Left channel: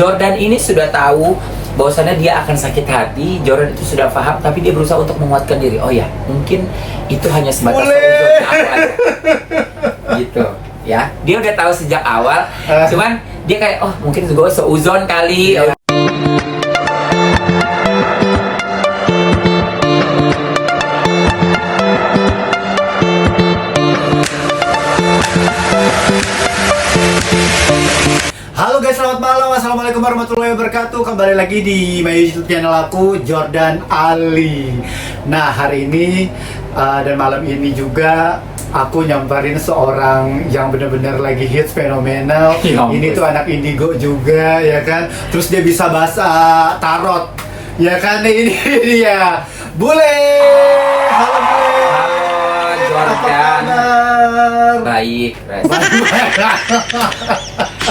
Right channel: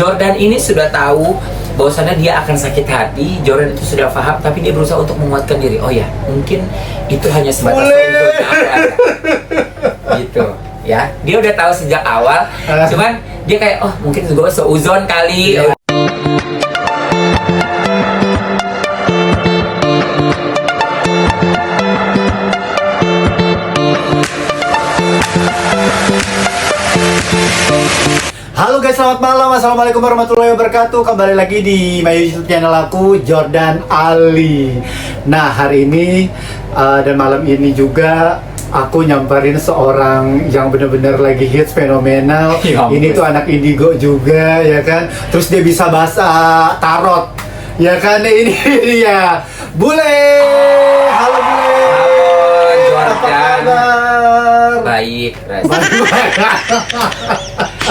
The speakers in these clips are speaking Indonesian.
Jordan ini sudah tahu bahwasannya dia akan sakit hati. Jordan itu sudah paham, tapi dia berusaha untuk menguatkan diri. Oh ya, mungkin itu hanya sebatas seuzon aku aja. Gitu ya. Dia udah tahu sejak awal. Cuman dia kayak, oh mungkin gue seuzon kali. Halo guys, selamat malam. Assalamualaikum warahmatullahi wabarakatuh. Kembali lagi di my YouTube channel aku, Jordan Ali. Nah, hari ini dan malam ini juga aku nyamperin seorang yang benar-benar lagi hits, fenomenal. Ini tuh anak indigo juga, ya kan. Terus dia bisa bahasa tarot, ya kan. Ini dia Bule. Halo Bule. Halo Jordan. Baik.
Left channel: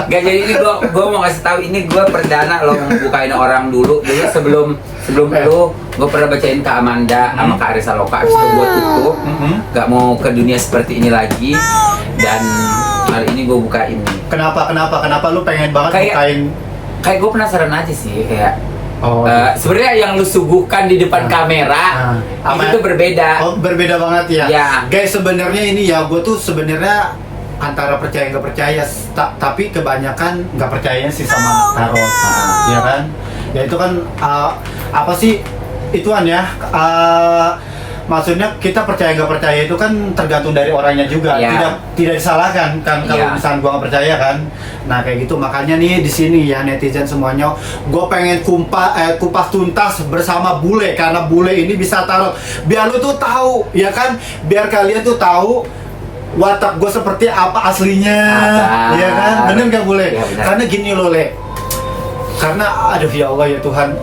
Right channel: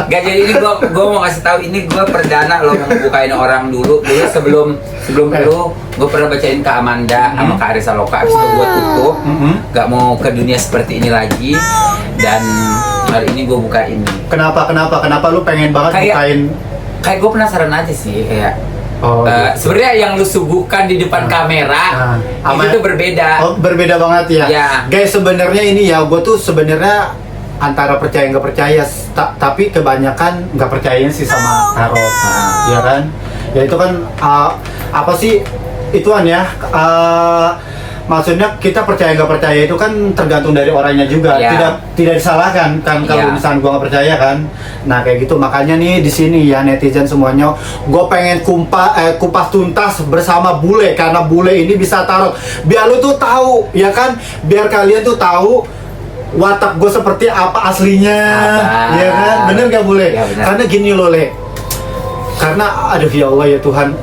Gak, jadi ini gue mau kasih tahu, ini gue perdana lo bukain orang dulu sebelum lu gue pernah bacain ke Amanda sama Kak Arisa Loka, habis itu gue tutup, gak mau ke dunia seperti ini lagi, dan hari ini gue buka ini. Kenapa lu pengen banget bukain? Kayak gue penasaran aja sih, kayak sebenarnya yang lu suguhkan di depan kamera itu tuh berbeda. Berbeda banget ya. Ya. Guys, sebenarnya ini ya, gue tuh sebenarnya antara percaya nggak percaya, tapi kebanyakan nggak percaya sih sama tarot, ya kan? Ya itu kan apa sih ituan ya? Maksudnya kita percaya nggak percaya itu kan tergantung dari orangnya juga, tidak disalahkan kan kalau misalnya gua nggak percaya kan. Nah kayak gitu, makanya nih di sini ya netizen semuanya, gue pengen kupas tuntas bersama Bule, karena Bule ini bisa tarot. Biar lu tuh tahu, ya kan? Biar kalian tuh tahu watak gue seperti apa aslinya, ya kan? Bener gak boleh? Ya, karena gini loh Le, karena aduh ya Allah ya Tuhan,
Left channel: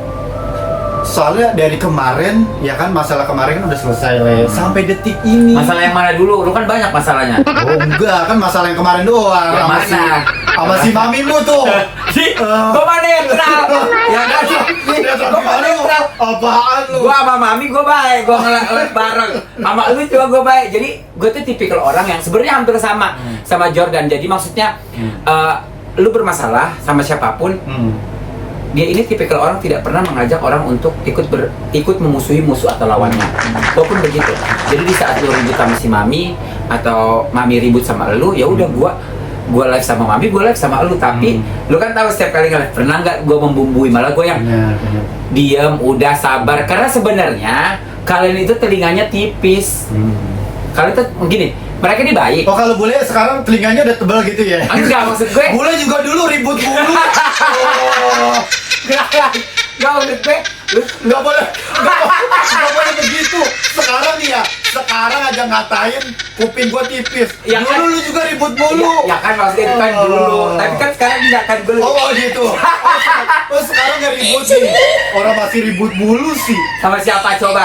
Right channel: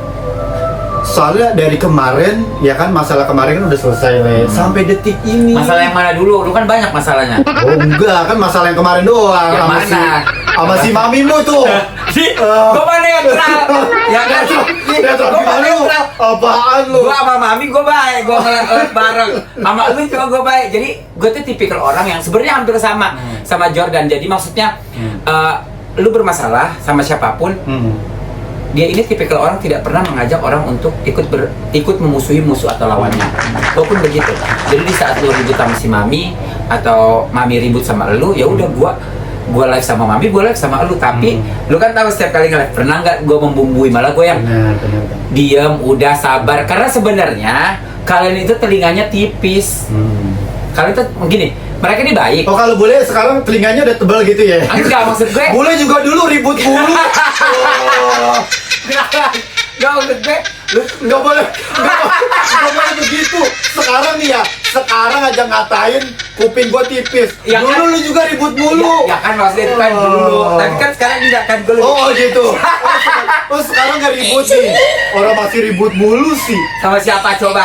soalnya dari kemarin ya kan, masalah kemarin kan udah selesai Le, sampai detik ini. Masalah yang mana dulu? Lu kan banyak masalahnya. Oh enggak, kan masalah yang kemarin doang. Yang mana? Sama si mamimu tuh. Gue mah netral. Ya kan? Gue mah netral. Apaan lu? Gue sama mami gue baik, gue ngeliat bareng. Sama lu juga gue baik. Jadi gue tuh tipikal orang yang sebenarnya hampir sama Jordan. Jadi maksudnya lu bermasalah sama siapapun, dia ini tipikal orang tidak pernah mengajak orang untuk ikut memusuhi musuh atau lawannya. Walaupun begitu. Jadi di saat lu ribut sama si mami atau mami ribut sama lu, ya udah gue live sama mami, gue live sama lu. Tapi lu kan tahu setiap kali nge-live, pernah nggak gue membumbui? Malah gue yang diam, udah sabar. Karena sebenarnya kalian itu telinganya tipis. Kalian tuh gini, mereka ini baik. Oh kalau Bule sekarang telinganya udah tebal gitu ya? Enggak, maksud gue Bule juga dulu ribut mulu. Enggak, maksud gue nggak boleh begitu. Sekarang nih ya, sekarang aja ngatain kuping gua tipis. Ya dulu kan, lu juga ribut mulu. ya kan maksudnya itu kan dulu. Tapi kan sekarang enggak kan gue. Oh gitu. Oh sekarang nggak ribut nih. Orang masih ribut mulu sih. Sama siapa coba?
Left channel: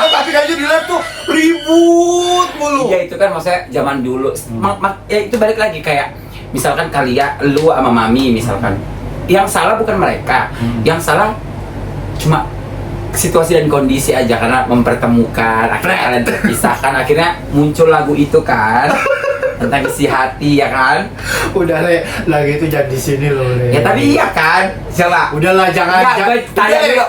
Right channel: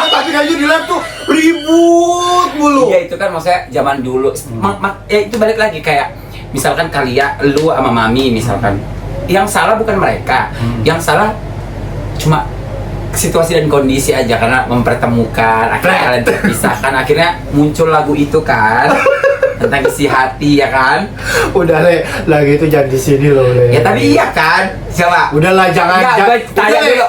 Tapi kayaknya di live tuh ribut mulu. Iya itu kan maksudnya zaman dulu. Ya itu balik lagi kayak misalkan kalian, lu sama mami misalkan. Yang salah bukan mereka. Yang salah cuma situasi dan kondisi aja, karena mempertemukan, akhirnya kalian terpisahkan, akhirnya muncul lagu itu kan tentang isi hati, ya kan? Udah Le, lagi itu jangan di sini loh Le. Ya tapi iya kan, siapa? Udahlah jangan. Gue tanya dulu.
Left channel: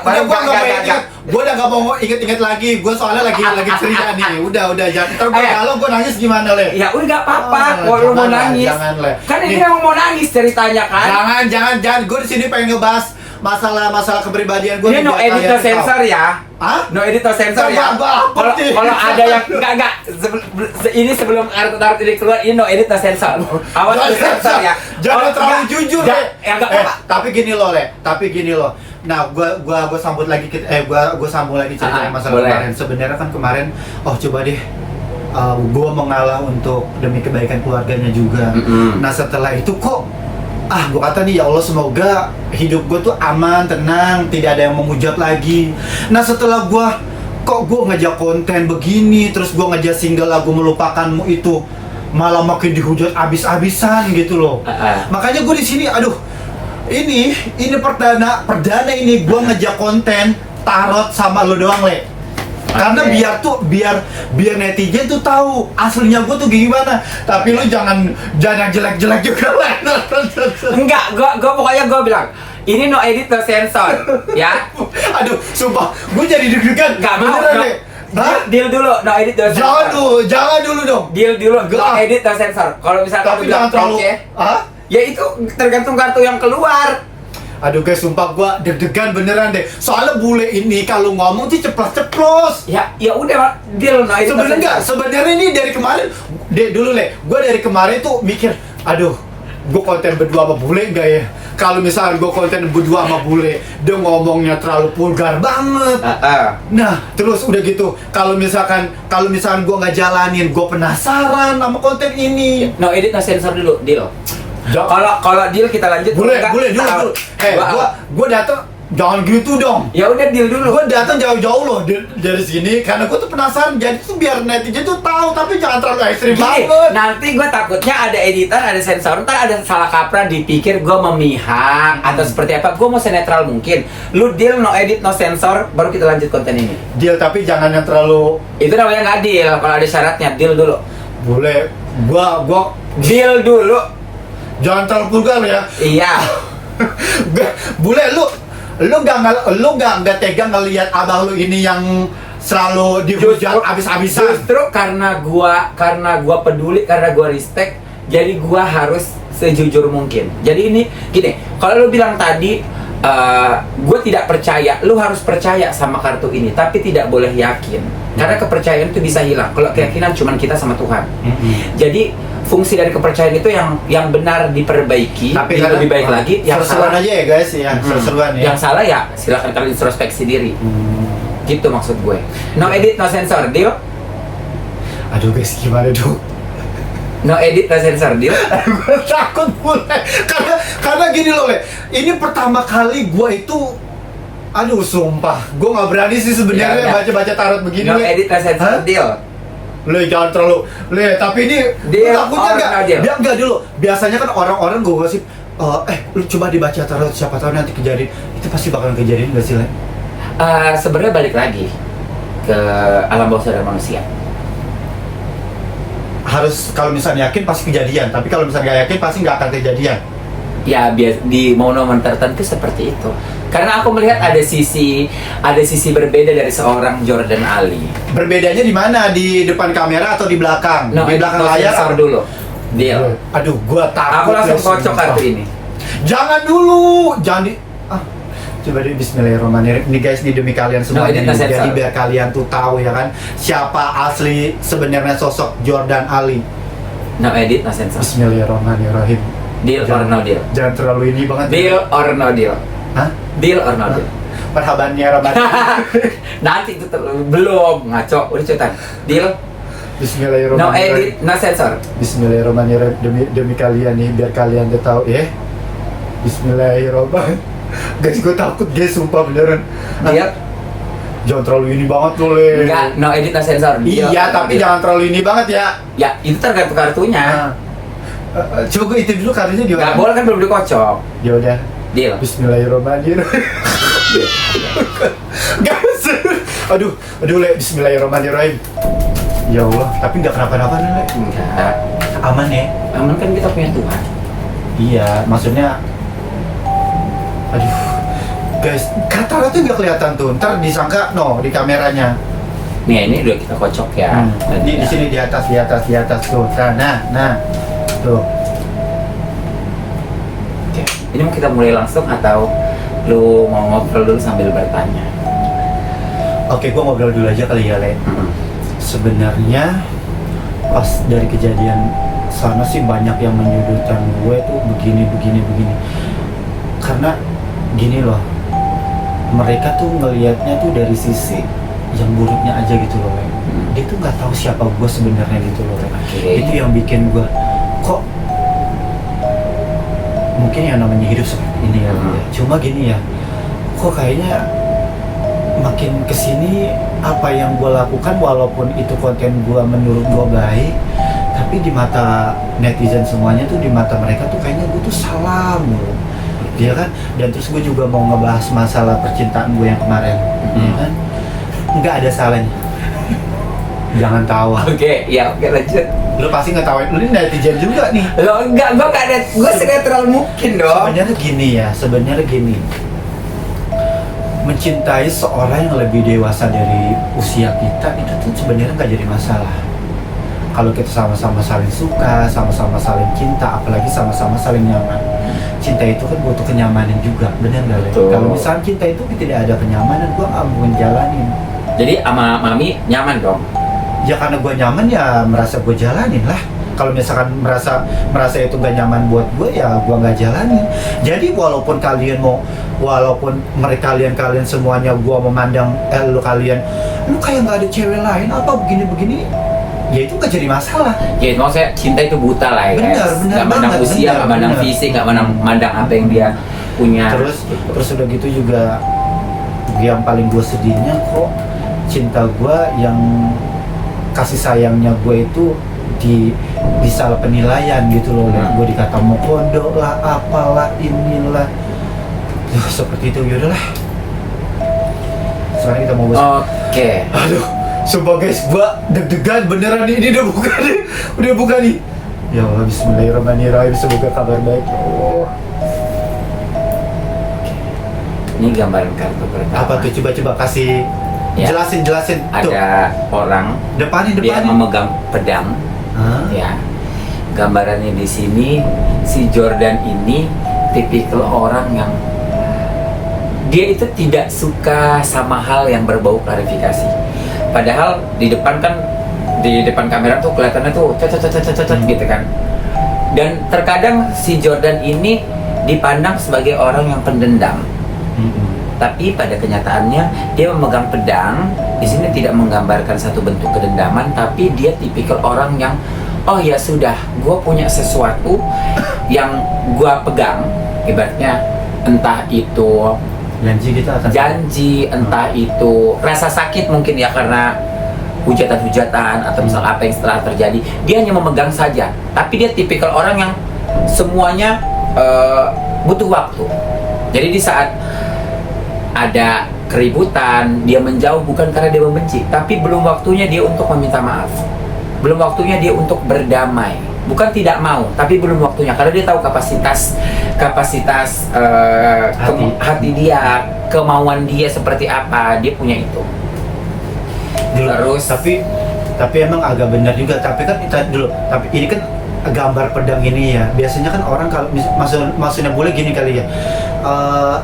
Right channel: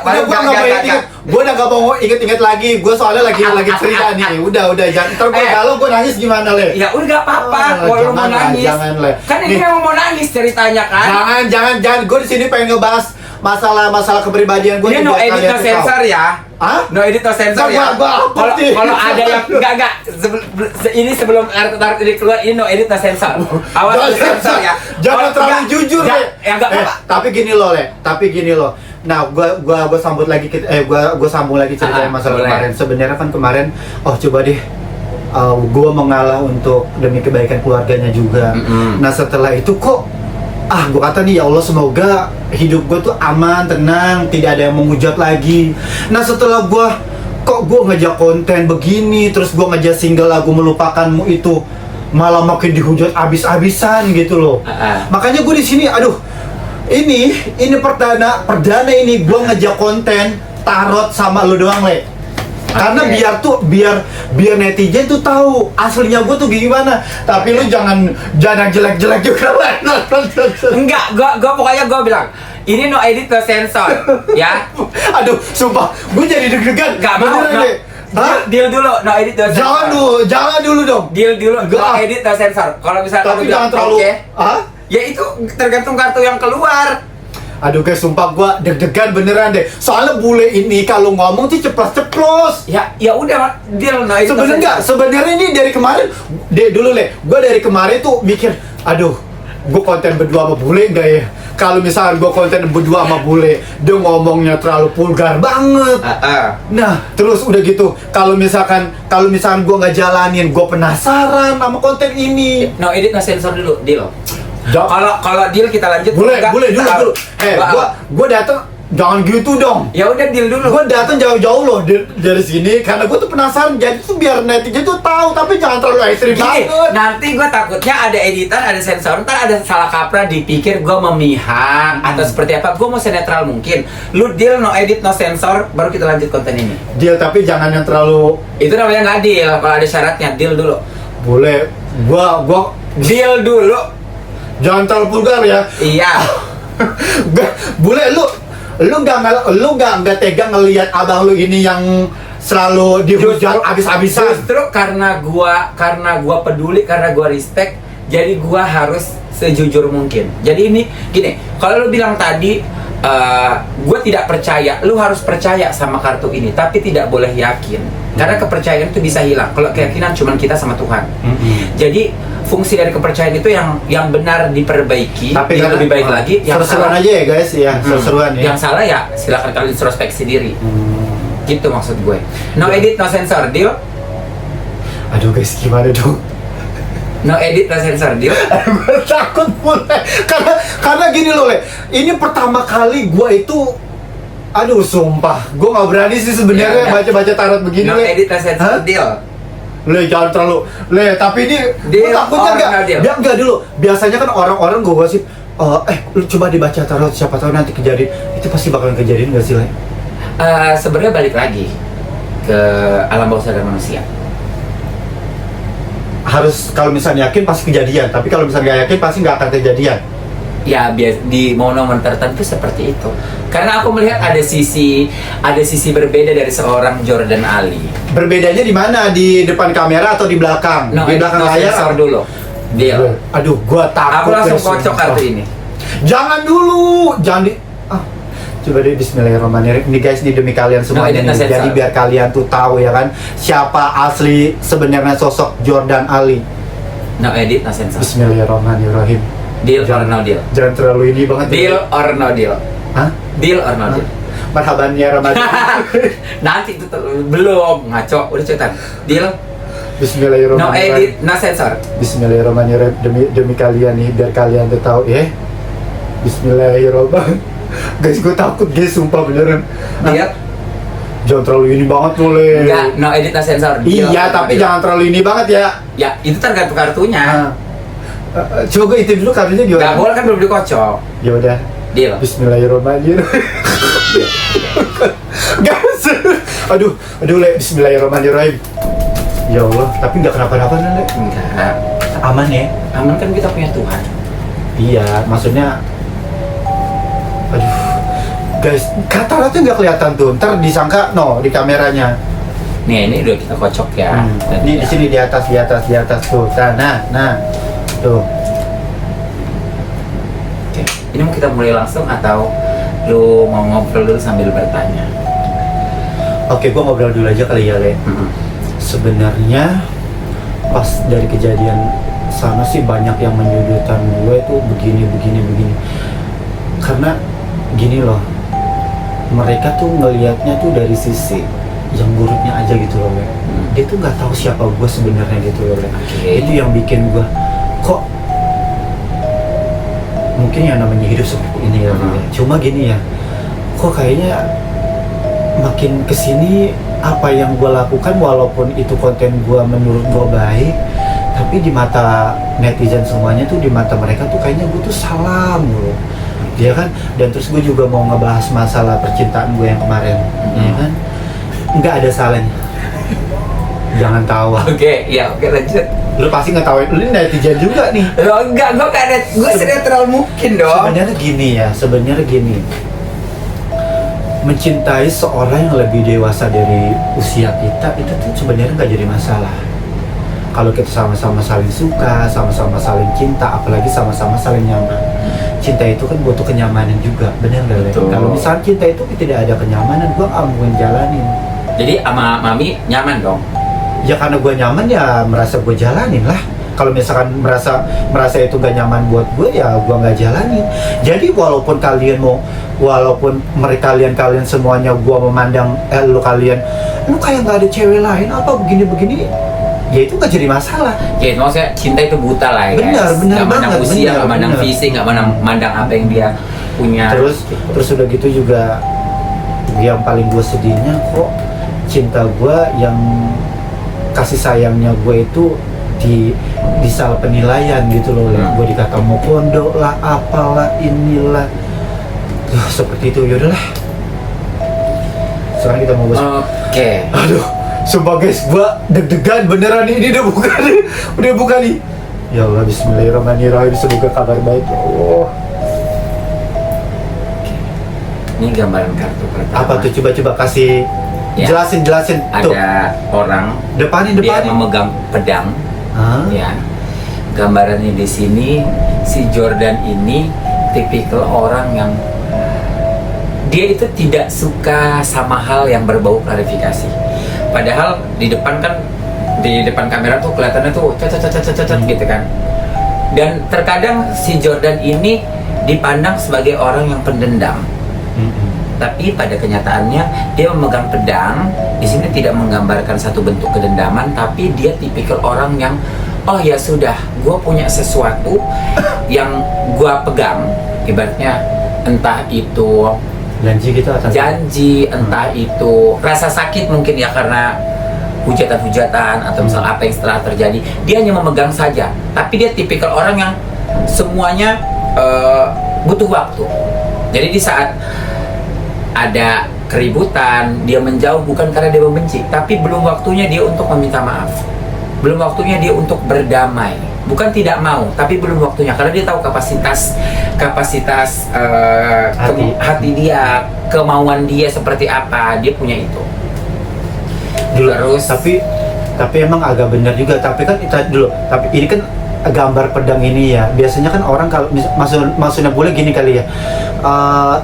Gue udah gak mau inget-inget lagi. Gue soalnya lagi cerita nih. Udah jangan. Ntar kalau gue nangis gimana Le? Ya udah gak apa-apa. Kalau lu mau nangis, jangan Le. kan ini memang mau nangis ceritanya kan? Jangan. Gue di sini pengen ngebahas masalah kepribadian gue. Ini no edit no sensor ya? Hah? No edit no sensor ya? Kalau ada yang enggak ini sebelum taruh ini keluar, ini no edit no sensor. Awas no sensor ya. Jangan terlalu jujur Le. Ya enggak apa-apa. Tapi gini loh Le. Nah, gua sambung lagi gua sambung lagi cerita masalah kemarin. Sebenarnya kan kemarin, coba deh, gua mengalah untuk demi kebaikan keluarganya juga. Nah, setelah itu kok gue kata nih, ya Allah semoga hidup gue tuh aman, tenang, tidak ada yang menghujat lagi. Nah setelah gue ngejak konten begini, terus gue ngejak single lagu Melupakanmu itu malah makin dihujat abis-abisan gitu loh. Makanya gue di sini, ini perdana ini gue ngejak konten tarot sama lo doang Le. Karena biar netizen tuh tahu aslinya gue tuh gimana. Tapi lu jangan jelek-jelek juga lah. Enggak, gua pokoknya gua bilang ini no edit no sensor, ya. Aduh, sumpah, gue jadi deg-degan. Nggak mau, Beneran no. deh. Hah? Deal dulu, no edit no sensor. Jangan dulu dong. Deal dulu, no Nggak. edit no sensor. Kalau misalkan Tapi lu bilang jangan terlalu. oke, Hah? ya itu tergantung kartu yang keluar. Aduh guys, sumpah gua deg-degan beneran deh. Soalnya bule ini kalau ngomong sih ceplos-ceplos. Ya udah, deal no edit no Sebenarnya enggak, sensor. sebenarnya ini dari kemarin dulu gua dari kemarin tuh mikir, aduh, gua konten berdua sama bule enggak ya? Kalau misalkan gua konten berdua sama bule, dia ngomongnya terlalu vulgar banget. Nah, terus udah gitu, kalau misalkan gua nggak jalanin, gua penasaran sama konten ini. No edit no sensor dulu, deal. Kalau deal kita lanjut. Boleh enggak, dulu. Gua datang, jangan gitu dong. Ya udah deal dulu. Gue datang jauh-jauh loh dari sini karena gue tuh penasaran, jadi tuh biar netizen tuh tahu, tapi jangan terlalu ekstrim Gini, banget. nanti gue takutnya ada editan, ada sensor, ntar ada salah kaprah dipikir gue memihak atau seperti apa. Gue mau senetral mungkin. Lu deal no edit no sensor, baru kita lanjut konten ini. Deal, tapi jangan yang terlalu. Itu namanya nggak deal. Kalau ada syaratnya, deal dulu. Boleh, gua Deal dulu. jangan terlalu vulgar ya. Iya. Boleh, lu nggak tega ngelihat abang lu ini yang selalu dihujat abis-abisan. Justru karena gua peduli, karena gua respect, jadi gua harus sejujur mungkin. Jadi ini gini, kalau lu bilang tadi gue tidak percaya, lu harus percaya sama kartu ini, tapi tidak boleh yakin, karena kepercayaan itu bisa hilang. Kalau keyakinan cuman kita sama Tuhan. Jadi fungsi dari kepercayaan itu yang benar diperbaiki, Tapi lebih baik lagi. Yang seru-seruan salah aja ya guys, ya seru-seruan ya. yang salah ya silakan kalian introspeksi diri. Gitu maksud gue. No edit no sensor, deal. Aduh guys, gimana dong? No edit no sensor, deal. Gue takut mulai karena gini loh Le, ini pertama kali gue itu, aduh sumpah gue nggak berani sih sebenarnya Ya, baca tarot begini. No Le. edit no sensor, Hah? deal. Le, jangan terlalu Le, tapi ini gue Deal takutnya or no deal? enggak dulu. Biasanya kan orang-orang gue gosip, lu coba dibaca tarot, siapa tahu nanti kejadian. Itu pasti bakalan kejadian nggak sih Le? Sebenarnya balik lagi ke alam bawah sadar manusia. Harus, kalau misalnya yakin pasti kejadian, tapi kalau misalnya nggak yakin pasti nggak akan kejadian. Ya di momen-momen tertentu seperti itu. Karena aku melihat ada sisi berbeda dari seorang Jordan Ali. Berbedanya di mana? Di depan kamera atau di belakang? No Di edit belakang no layar. sensor dulu, deal. Aduh, gua takut. Aku langsung Le, kocok sumpah. kartu ini. Jangan dulu, jangan di. Coba deh, Bismillahirrahmanirrahim. Ini guys, ini demi kalian semua. No edit, no Jadi sensor. biar kalian tuh tahu ya kan, siapa asli sebenarnya sosok Jordan Ali. No edit no sensor. Bismillahirrahmanirrahim. Deal or no deal? Jangan terlalu ini banget. Deal or no deal? Hah? Deal or no deal? Marhaban ya Ramadan. Nanti itu belum ngaco, udah cepetan. Deal? No edit, Bismillahirrahmanirrahim. no sensor. Bismillahirrahmanirrahim. Demi kalian nih, biar kalian tuh tahu ya. Bismillahirrahmanirrahim. Guys, gue takut guys, sumpah beneran. Deal? Jangan terlalu ini banget tuh Le. Enggak, no edit, no sensor. Deal Iya, or no tapi deal? jangan terlalu ini banget ya. Ya, itu tergantung kartunya. Coba itu dulu kartunya Nggak gimana? boleh kan, belum dikocok. Ya udah. Deal. Bismillahirrahmanirrahim. Guys, aduh Le, Bismillahirrahmanirrahim. Ya Allah, tapi nggak kenapa-napa Le. Enggak. Aman ya? Aman kan, kita punya Tuhan. Iya, maksudnya. Aduh, guys, kata tuh nggak kelihatan tuh. Ntar disangka di kameranya. Nih, ini udah kita kocok ya. Di sini di atas tuh. Nah, tuh. Oke. Ini mau kita mulai langsung atau lu mau ngobrol dulu sambil bertanya? Oke, gua ngobrol dulu aja kali ya, Le. Mm-mm. Sebenarnya pas dari kejadian sana sih banyak yang menyudutkan gue itu begini. Karena gini loh, mereka tuh ngelihatnya tuh dari sisi yang buruknya aja gitu loh, Le. Dia tuh nggak tahu siapa gue sebenarnya gitu loh, Le. Oke. Itu yang bikin gue kok mungkin yang namanya hidup seperti ini ya, Le. Cuma gini ya, kok kayaknya makin kesini apa yang gue lakukan, walaupun itu konten gue menurut gue baik, tapi di mata netizen semuanya tuh, di mata mereka tuh kayaknya gue tuh salah mulu, ya kan? Dan terus gue juga mau ngebahas masalah percintaan gue yang kemarin, ya kan? nggak ada salahnya. Jangan tawa. Oke, ya oke lanjut. Lu pasti nggak tahu. Lu ini netizen juga nih. Lo enggak, gue gak ada, gue sinetron mungkin dong. Sebenarnya gini. Mencintai seorang yang lebih dewasa dari usia kita itu tuh sebenarnya nggak jadi masalah. Kalau kita sama-sama saling suka, sama-sama saling cinta, apalagi sama-sama saling nyaman. Cinta itu kan butuh kenyamanan juga, benar nggak? Betul. Kalau misalnya cinta itu tidak ada kenyamanan, gua nggak mau jalanin. Jadi sama Mami nyaman dong. Ya karena gue nyaman ya merasa gue jalanin lah. Kalau misalkan merasa itu gak nyaman buat gue ya gue nggak jalani. Jadi walaupun mereka kalian semuanya gue memandang lu kayak nggak ada cewek lain apa begini ya itu nggak jadi masalah. Ya maksudnya cinta itu buta lah ya. Benar Gak mandang banget, usia, gak mandang fisik, gak mandang apa yang dia punya. Terus udah gitu juga yang paling gue sedihnya kok cinta gue yang kasih sayangnya gue itu di salah penilaian gitu loh. Gue dikata mau pondok lah apalah inilah seperti itu. Yaudahlah, sekarang kita mau Oke. Aduh, sumpah guys, gue deg-degan beneran ini udah buka nih. Ya Allah, bismillahirrahmanirrahim, semoga kabar baik ya Allah. Ini gambaran kartu pertama. Apa tuh, coba kasih Ya. jelasin tuh. Ada orang Depanin. dia memegang pedang. Hah? Ya, gambarannya di sini si Jordan ini tipikal orang yang dia itu tidak suka sama hal yang berbau klarifikasi. Padahal di depan kamera tuh kelihatannya tuh cocot gitu kan. Dan terkadang si Jordan ini dipandang sebagai orang yang pendendam. Tapi pada kenyataannya dia memegang pedang. Di sini tidak menggambarkan satu bentuk kedendaman, tapi dia tipikal orang yang oh ya sudah, gue punya sesuatu yang gue pegang. Ibaratnya entah itu janji, entah itu rasa sakit mungkin ya karena hujatan-hujatan atau misal apa yang setelah terjadi. Dia hanya memegang saja. Tapi dia tipikal orang yang semuanya butuh waktu. Jadi di saat ada keributan, dia menjauh bukan karena dia membenci, tapi belum waktunya dia untuk meminta maaf. Belum waktunya dia untuk berdamai. Bukan tidak mau, tapi belum waktunya karena dia tahu kapasitas hati dia, kemauan dia seperti apa, dia punya itu. Terus tapi emang agak benar juga, tapi kan tapi ini kan gambar pedang ini ya. Biasanya kan orang kalau maksudnya boleh gini kali ya.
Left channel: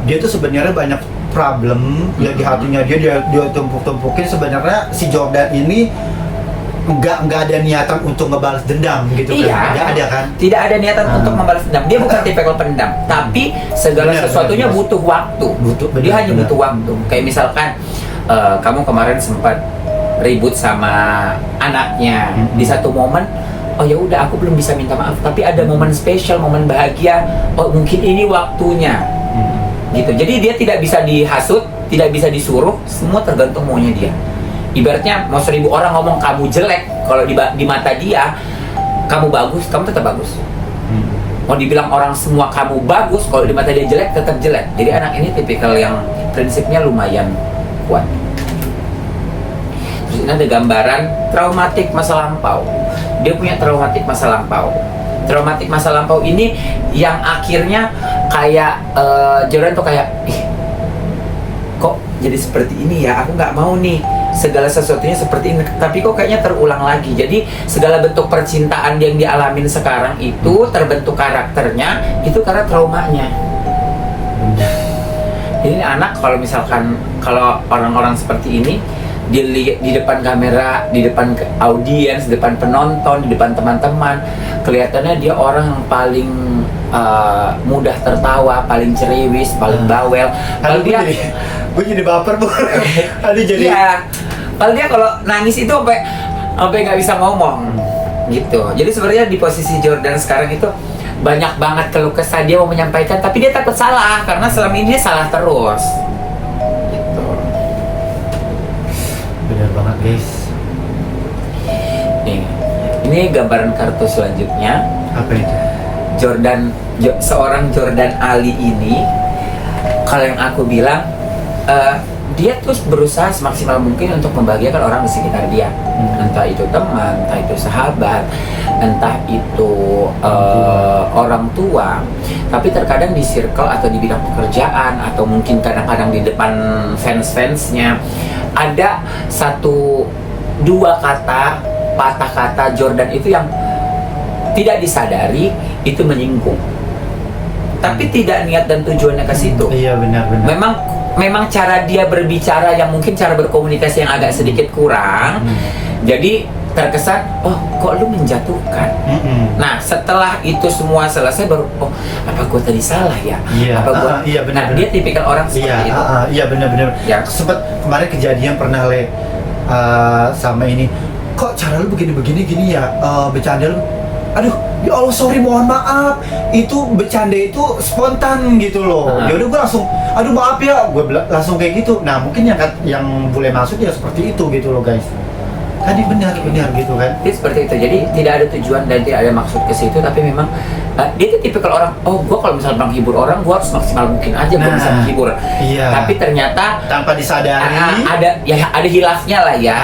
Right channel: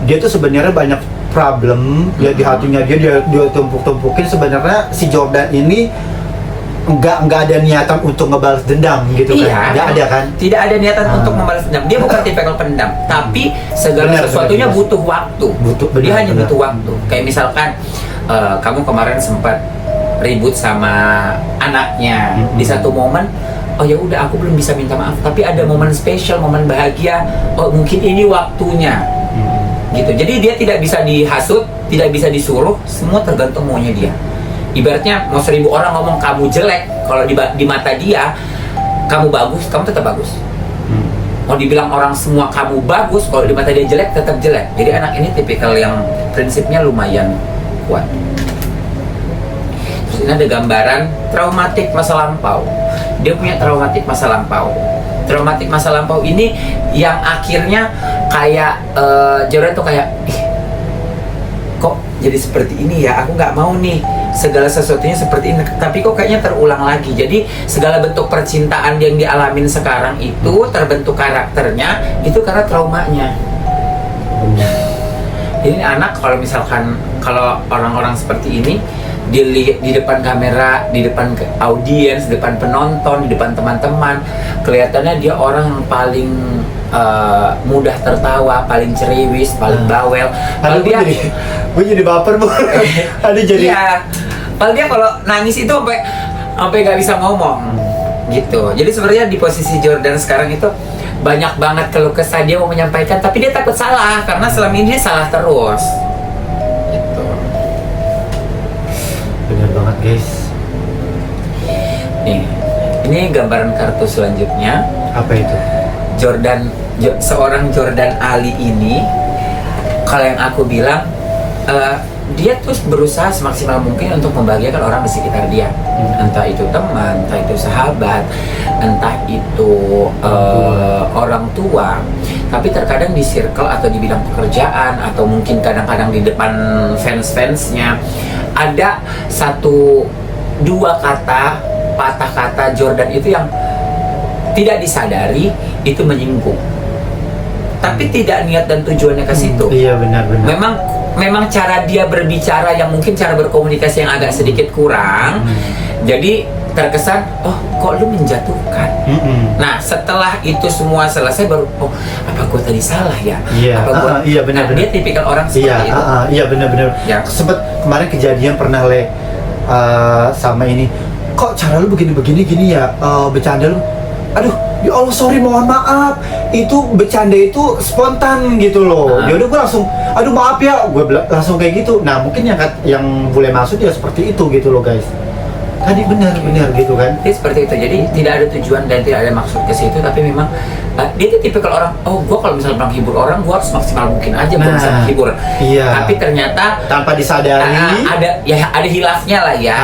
Dia tuh sebenarnya banyak problem ya di hatinya dia tumpuk-tumpukin. Sebenarnya si Jordan ini nggak ada niatan untuk ngebalas dendam gitu kan. Nggak ada kan? Tidak ada niatan untuk membalas dendam. Dia bukan tipikal pendendam, tapi segala sesuatunya butuh waktu. Dia hanya butuh waktu. Kayak misalkan kamu kemarin sempat ribut sama anaknya di satu momen. Oh ya udah, aku belum bisa minta maaf, tapi ada momen spesial, momen bahagia. Oh mungkin ini waktunya. Gitu. Jadi dia tidak bisa dihasut, tidak bisa disuruh, semua tergantung maunya dia. Ibaratnya mau 1000 orang ngomong kamu jelek, kalau di mata dia kamu bagus, kamu tetap bagus. Mau dibilang orang semua kamu bagus, kalau di mata dia jelek, tetap jelek. Jadi anak ini tipikal yang prinsipnya lumayan kuat. Terus ini ada gambaran traumatik masa lampau. Dia punya traumatik masa lampau. Traumatik masa lampau ini yang akhirnya kayak Jordan tuh kayak kok jadi seperti ini ya, aku nggak mau nih segala sesuatunya seperti ini, tapi kok kayaknya terulang lagi. Jadi segala bentuk percintaan yang dialamin sekarang itu terbentuk karakternya itu karena traumanya. Jadi anak kalau misalkan kalau orang-orang seperti ini di depan kamera, di depan audiens, di depan penonton, di depan teman-teman, kelihatannya dia orang yang paling mudah tertawa, paling ceriwis, paling bawel. Kalau dia, gue jadi baper bu. Aduh jadi. Iya. Padahal dia kalau nangis itu sampai nggak bisa ngomong, gitu. Jadi sebenarnya di posisi Jordan sekarang itu banyak banget keluh kesah dia mau menyampaikan, tapi dia takut salah karena selama ini dia salah terus. Bener banget guys. Nih, ini gambaran kartu selanjutnya. Apa itu? Seorang Jordan Ali ini, kalau yang aku bilang dia terus berusaha semaksimal mungkin untuk membahagiakan orang di sekitar dia. Entah itu teman, entah itu sahabat, entah itu orang tua. Tapi terkadang di circle atau di bidang pekerjaan, atau mungkin kadang-kadang di depan fans-fansnya, ada satu dua kata, patah kata Jordan itu yang tidak disadari itu menyinggung. Tapi tidak niat dan tujuannya ke situ. Iya, benar-benar. Memang cara dia berbicara yang mungkin cara berkomunikasi yang agak sedikit kurang. Jadi terkesan, oh kok lu menjatuhkan. Nah setelah itu semua selesai baru, oh apa gue tadi salah ya? Iya. Apa gua... Iya, benar. Nah, dia tipikal orang seperti itu. Iya, benar-benar. Ya. Sempet kemarin kejadian pernah sama ini. Kok cara lu begini-begini gini ya? Bercanda lu. Aduh, ya Allah sorry, mohon maaf. Itu bercanda itu spontan gitu loh. Ya udah gue langsung, aduh maaf ya, gue langsung kayak gitu. Nah mungkin yang boleh masuk ya seperti itu gitu loh guys. Tadi benar gitu kan? Dia seperti itu. Jadi tidak ada tujuan dan tidak ada maksud ke situ. Tapi memang dia itu tipikal orang. Oh, gue kalau misalnya menghibur orang, gue harus maksimal mungkin aja gue bisa menghibur. Iya. Tapi ternyata tanpa disadari ada hilafnya lah ya.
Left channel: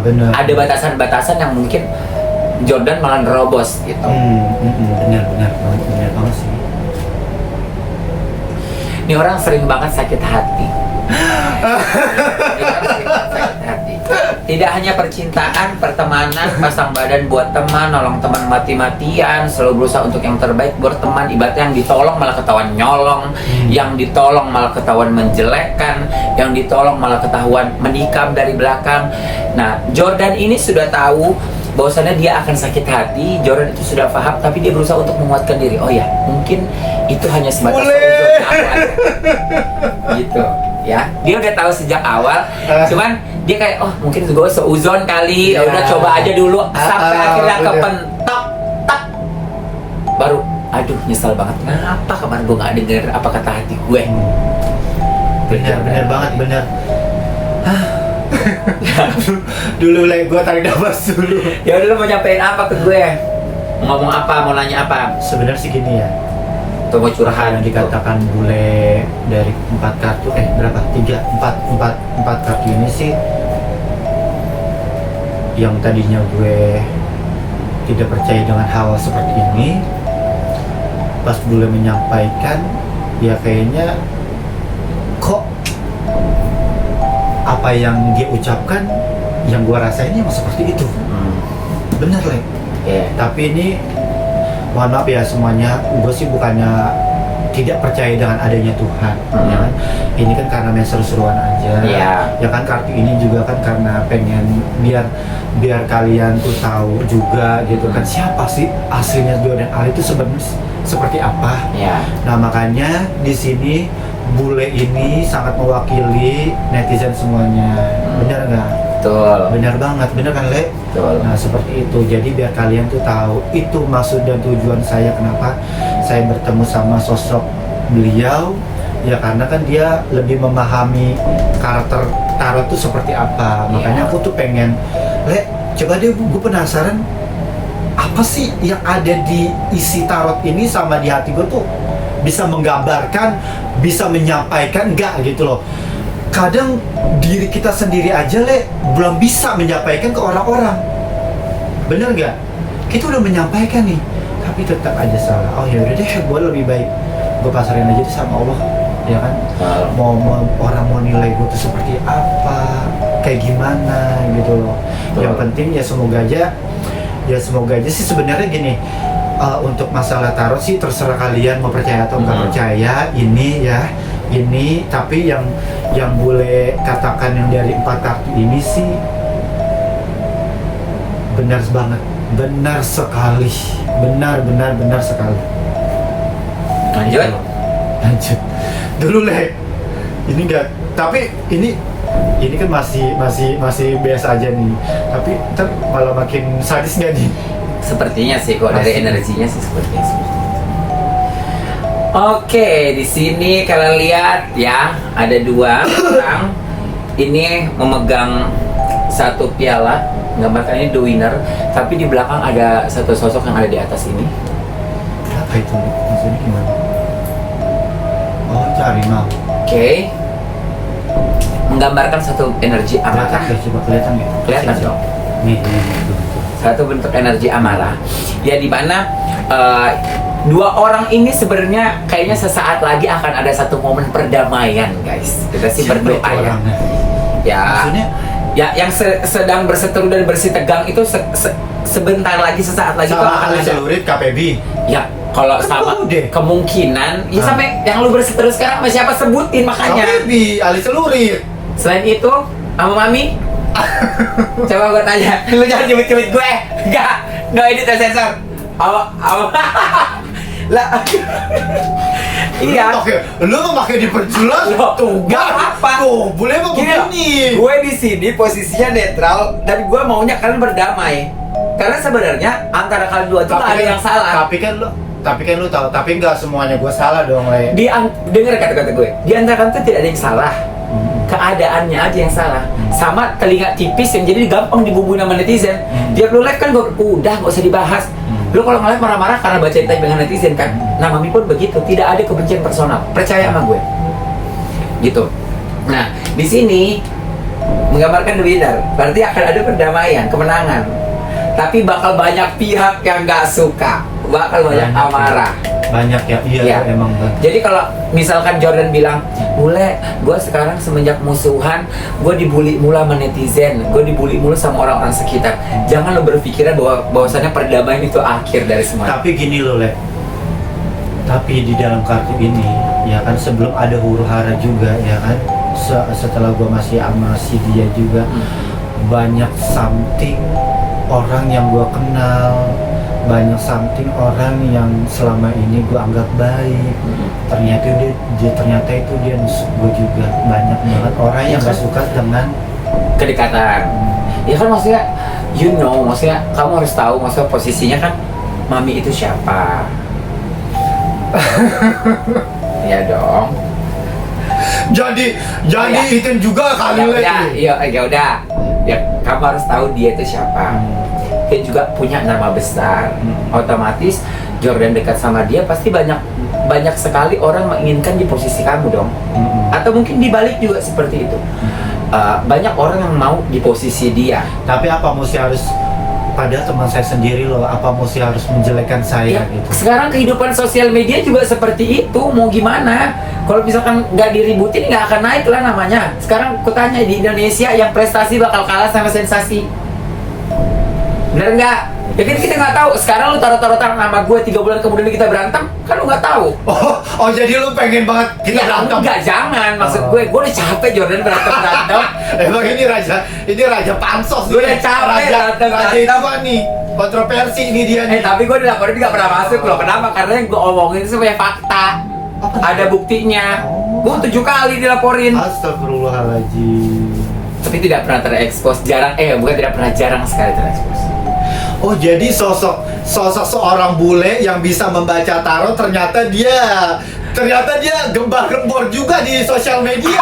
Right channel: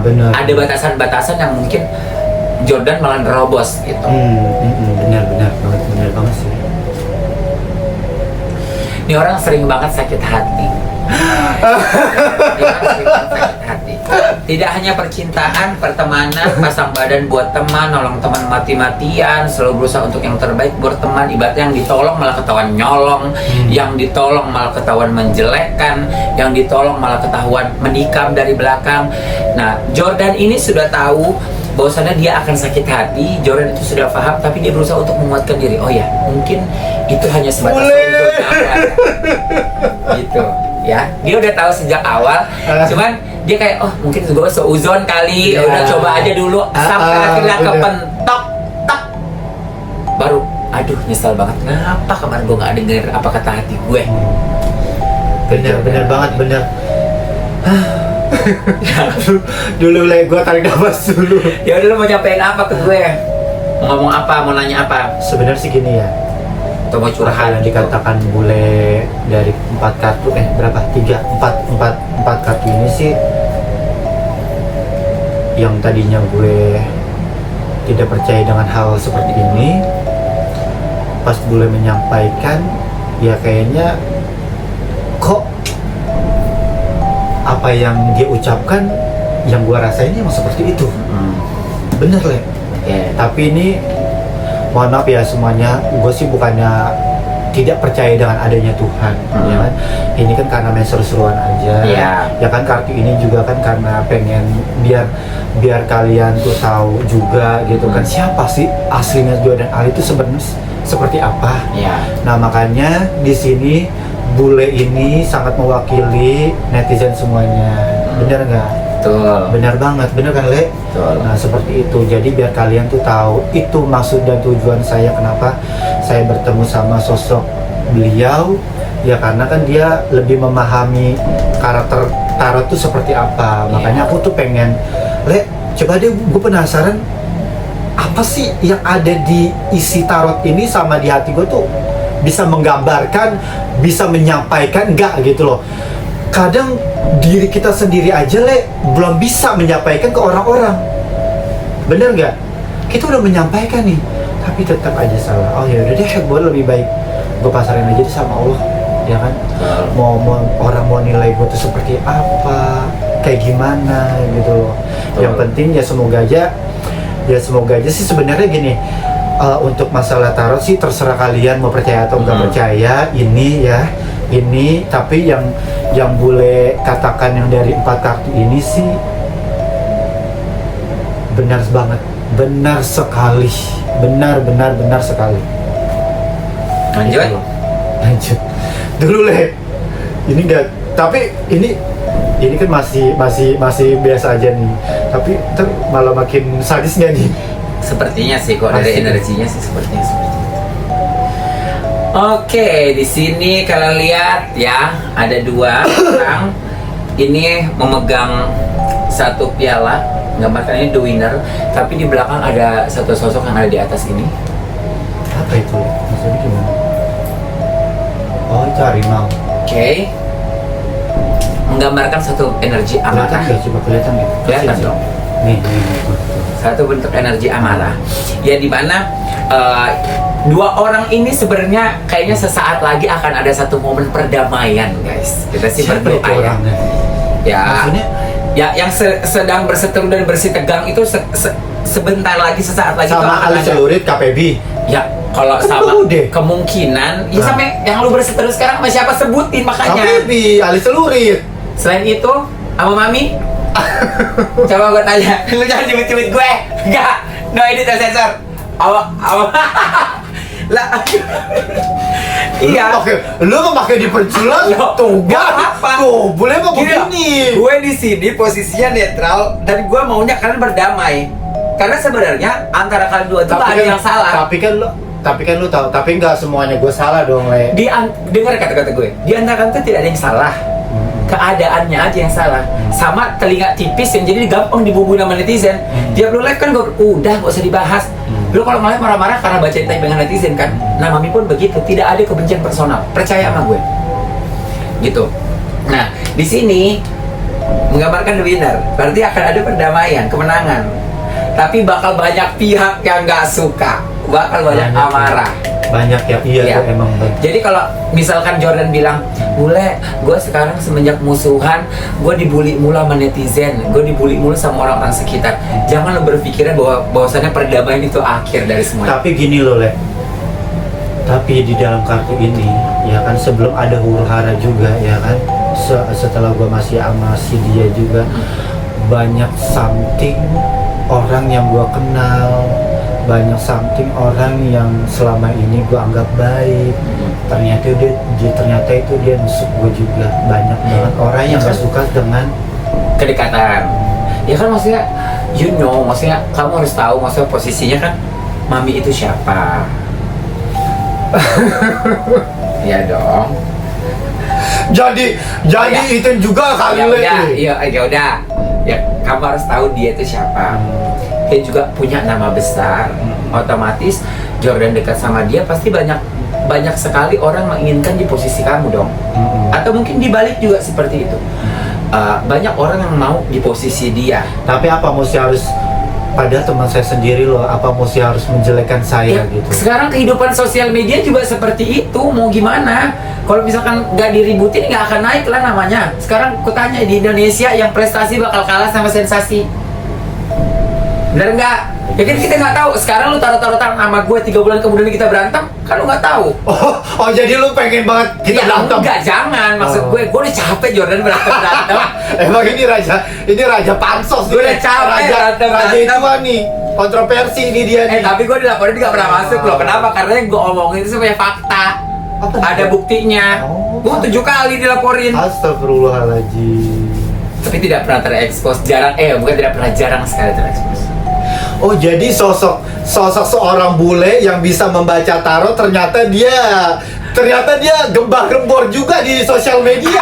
Benar. Ada batasan-batasan yang mungkin Jordan malah nerobos gitu. Benar banget sih. Ini orang sering banget sakit hati. Dia orang sering banget sakit hati. Tidak hanya percintaan, pertemanan, pasang badan buat teman, nolong teman mati-matian, selalu berusaha untuk yang terbaik buat teman. Ibaratnya yang ditolong malah ketahuan nyolong, yang ditolong malah ketahuan menjelekkan, yang ditolong malah ketahuan menikam dari belakang. Nah, Jordan ini sudah tahu bahwasannya dia akan sakit hati. Jordan itu sudah paham, tapi dia berusaha untuk menguatkan diri. Oh ya, mungkin itu hanya sebatas seuzon aku aja. Gitu ya. Dia udah tahu sejak awal. Cuman dia kayak, oh mungkin gue seuzon kali. Ya udah coba aja dulu sampai akhirnya kepentok tak. Baru aduh nyesel banget. Kenapa kemarin gue gak denger apa kata hati gue. Bener banget. Dulu gue tarik nafas dulu. Ya udah, lu mau nyampein apa ke gue? Ngomong apa? Mau nanya apa? Sebenarnya sih gini ya. Atau mau curhat Yang dikatakan bule dari 4 kartu berapa? 4 kartu ini sih yang tadinya gue tidak percaya dengan hal seperti ini, pas bule menyampaikan ya kayaknya kok apa yang dia ucapkan yang gua rasain emang seperti itu. Bener Le. Tapi ini mohon maaf ya semuanya, gue sih bukannya tidak percaya dengan adanya Tuhan, ya kan? Ini kan karena main seru-seruan aja. Ya kan, kartu ini juga kan karena pengen biar kalian tuh tahu juga gitu kan siapa sih aslinya Jordan Ali itu sebenarnya seperti apa. Nah makanya di sini bule ini sangat mewakili netizen semuanya. Bener nggak? Betul. Bener banget, bener kan Le? Betul. Nah seperti itu, jadi biar kalian tuh tahu itu maksud dan tujuan saya kenapa saya bertemu sama sosok beliau. Ya karena kan dia lebih memahami karakter tarot tuh seperti apa. Makanya aku tuh pengen, Le, coba deh, gue penasaran apa sih yang ada di isi tarot ini sama di hati gue tuh bisa menggambarkan, bisa menyampaikan enggak gitu loh. Kadang diri kita sendiri aja Le belum bisa menyampaikan ke orang-orang. Bener nggak? Kita udah menyampaikan nih, tapi tetap aja salah. Oh ya udah deh, gue lebih baik gue pasarin aja deh sama Allah, ya kan? Mau orang mau nilai gue tuh seperti apa, kayak gimana gitu loh. Yang penting ya semoga aja sih sebenarnya gini. Untuk masalah tarot sih terserah kalian mau percaya atau nggak percaya ini tapi yang boleh katakan yang dari 4 kartu ini sih benar banget, benar sekali, benar sekali. Lanjut dulu Le, ini enggak, tapi ini kan masih biasa aja nih, tapi malah makin sadis nggak nih? Sepertinya sih kok dari energinya sih sepertinya seperti itu. Oke, di sini kalian lihat ya, ada 2 orang ini memegang satu piala, gambarkan ini the winner, tapi di belakang ada satu sosok yang ada di atas ini. Apa itu? Maksudnya gimana? Oh, itu harimau. Oke. menggambarkan satu energi amarah. Kelihatan ya, coba kelihatan ya. Kelihatan Sini. dong. Nih, betul. Satu bentuk energi amarah. Ya di mana dua orang ini sebenarnya kayaknya sesaat lagi akan ada satu momen perdamaian, guys. Kita sih Siapa berdoa itu ya. orangnya? Ya. Maksudnya? Ya yang sedang berseteru dan bersitegang itu sebentar lagi, sesaat lagi itu Sama akan Ali ada. Celurit KPB. Ya kalau Kan sama udah. kemungkinan ya Ah. sampai yang lu berseteru sekarang sama siapa sebutin makanya. KPB, Ali Celurit. Selain itu sama Mami. Coba gue tanya, lu jangan cubit-cubit gue. Enggak, no edit dan sensor. Lah. Iya. Lu memakai diperjelas. Loh, Tuh, nggak apa-apa. Tuh, boleh mah Gini, begini. gue di sini posisinya netral dan gue maunya kalian berdamai. Karena sebenarnya antara kalian dua itu nggak ada yang salah. Tapi kan lu tahu, tapi nggak semuanya gue salah dong, Le. Dengar kata-kata gue. Di antara kalian itu tidak ada yang salah. Keadaannya aja yang salah. Sama telinga tipis yang jadi gampang dibumbuin sama netizen. Tiap lu live kan udah nggak usah dibahas. Lu kalau ngeliat marah-marah karena baca tag dengan netizen kan. Nah, Mami pun begitu, tidak ada kebencian personal. Percaya sama gue. Gitu. Nah, di sini menggambarkan the winner. Berarti akan ada perdamaian, kemenangan. Tapi bakal banyak pihak yang nggak suka, bakal banyak amarah. Banyak ya, iya Ya. tuh, emang banget. Jadi kalau misalkan Jordan bilang, "Bule, gue sekarang semenjak musuhan, gue dibully mulu sama netizen, gue dibully mulu sama orang-orang sekitar." Jangan lo berpikiran bahwasannya perdamaian itu akhir dari semuanya. Tapi gini loh, Le. Tapi di dalam kartu ini, ya kan sebelum ada huru hara juga, ya kan. Setelah gua masih sama si dia juga, banyak something orang yang gua kenal, banyak something orang yang selama ini gua anggap baik. Ternyata itu dia nusuk gua juga. Banyak banget orang yang gak suka dengan Kedekatan. Ya kan maksudnya, maksudnya kamu harus tahu maksudnya posisinya kan, Mami itu siapa? Ya dong. Jadi Ya. itu juga kali, Le. Ya udah. Ya kamu harus tahu dia itu siapa. Dia juga punya nama besar. Otomatis Jordan dekat sama dia pasti banyak sekali orang menginginkan di posisi kamu dong. Atau mungkin dibalik juga seperti itu. Banyak orang yang mau di posisi dia. Tapi apa mesti harus, padahal teman saya sendiri loh, apa mesti harus menjelekkan saya Ya, gitu? sekarang kehidupan sosial media juga seperti itu. Mau gimana? Kalau misalkan nggak diributin nggak akan naik lah namanya. Sekarang kutanya di Indonesia yang prestasi bakal kalah sama sensasi. Bener nggak? Ya kan kita nggak tahu. Sekarang lu taruh nama gue 3 bulan kemudian kita berantem, kan lu nggak tahu. Oh, jadi lu pengen banget kita Ya berantem? enggak, jangan. Maksud gue udah capek Jordan berantem. Emang ini raja pansos. Gue udah nih. capek raja berantem. itu nih, kontroversi ini dia nih. Tapi gue dilaporin nggak pernah masuk loh. Kenapa? Karena yang gue omongin itu semuanya fakta. Apa? Ada buktinya. Gue 7 kali dilaporin. Astagfirullahaladzim. Tapi tidak pernah terekspos. Bukan tidak pernah, jarang sekali terekspos. Oh, jadi sosok seorang bule yang bisa membaca tarot ternyata dia gembar-gembor juga di sosial media.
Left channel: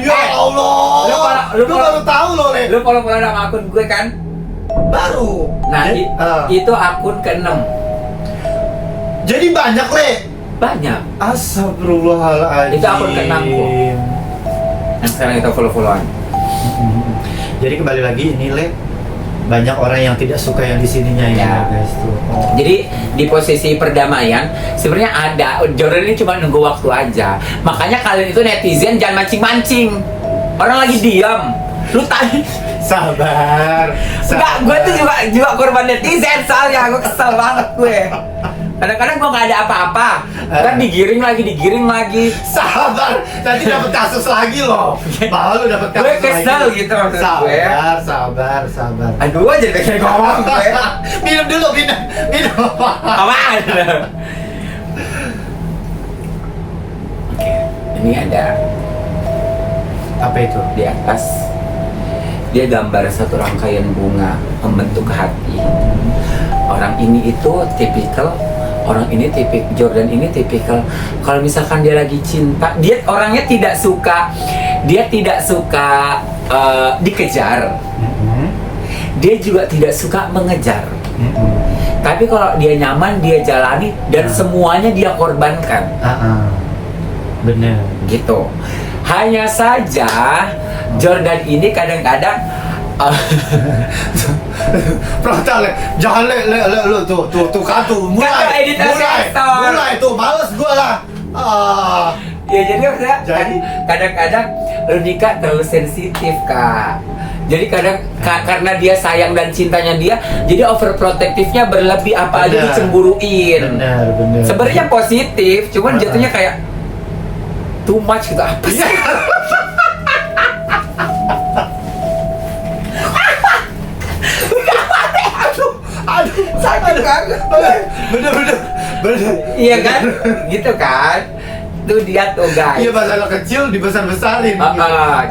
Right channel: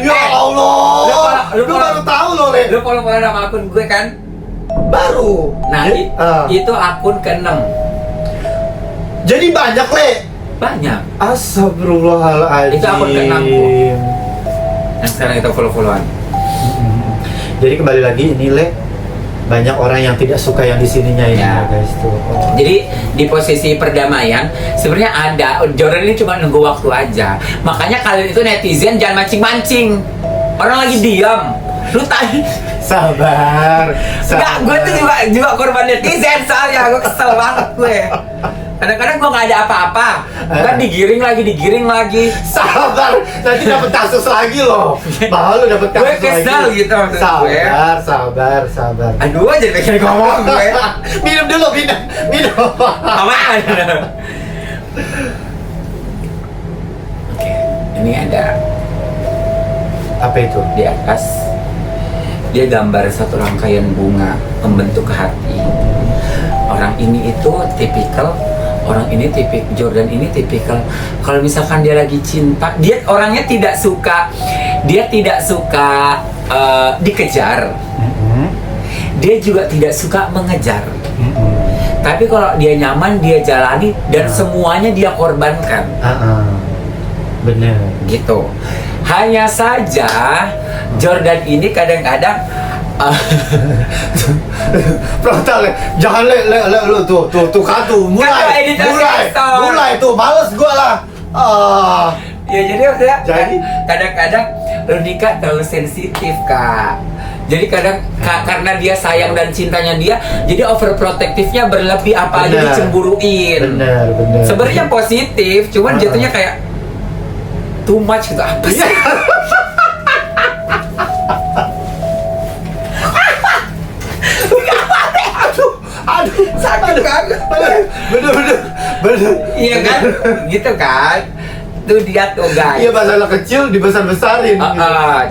Ya Allah. Lu baru tahu loh, Le. Lu follow nama akun gue kan? Baru. Nah, itu akun ke-6. Jadi banyak, Le. Banyak. Astagfirullahaladzim. Itu akun ke-6 ku. Dan sekarang kita follow-followan. Jadi kembali lagi ini, Le, banyak orang yang tidak suka yang di sininya ya, guys tuh. Oh. Jadi di posisi perdamaian sebenarnya ada. Jordan ini cuma nunggu waktu aja. Makanya kalian itu netizen jangan mancing-mancing. Orang lagi diam. Lu tanya. Sabar. Enggak, gue tuh juga korban netizen soalnya. Gue kesel banget gue. Kadang-kadang gue nggak ada apa-apa, kan digiring lagi. Sabar, nanti dapat kasus lagi loh. Bahwa lu dapat kasus Gue lagi. kesel gitu maksud gue. Sabar. Aduh, jadi pengen ngomong gue. Minum dulu. Apaan? Oke, ini ada Apa itu? di atas. Dia gambar satu rangkaian bunga membentuk hati. Orang ini itu tipikal. Jordan ini tipikal. Kalau misalkan dia lagi cinta, dia orangnya tidak suka dikejar. Dia juga tidak suka mengejar. Tapi kalau dia nyaman, dia jalani dan semuanya dia korbankan. Benar. gitu. Hanya saja Jordan ini kadang-kadang Frontal, jangan lu tuh kan tuh Kata editor sensor. mulai tuh males gua lah. ya jadi maksudnya Jadi? kadang-kadang Rudika terlalu sensitif Kak. Jadi kadang karena dia sayang dan cintanya dia, jadi overprotectivenya berlebih, apa aja Benar. dicemburuin. Benar. Sebenarnya positif, cuman jatuhnya kayak too much gitu, apa sih? Aduh, Sakit banget. bener. Iya kan? Gitu kan? Tuh dia tuh guys. Iya, masalah kecil dibesar-besarin.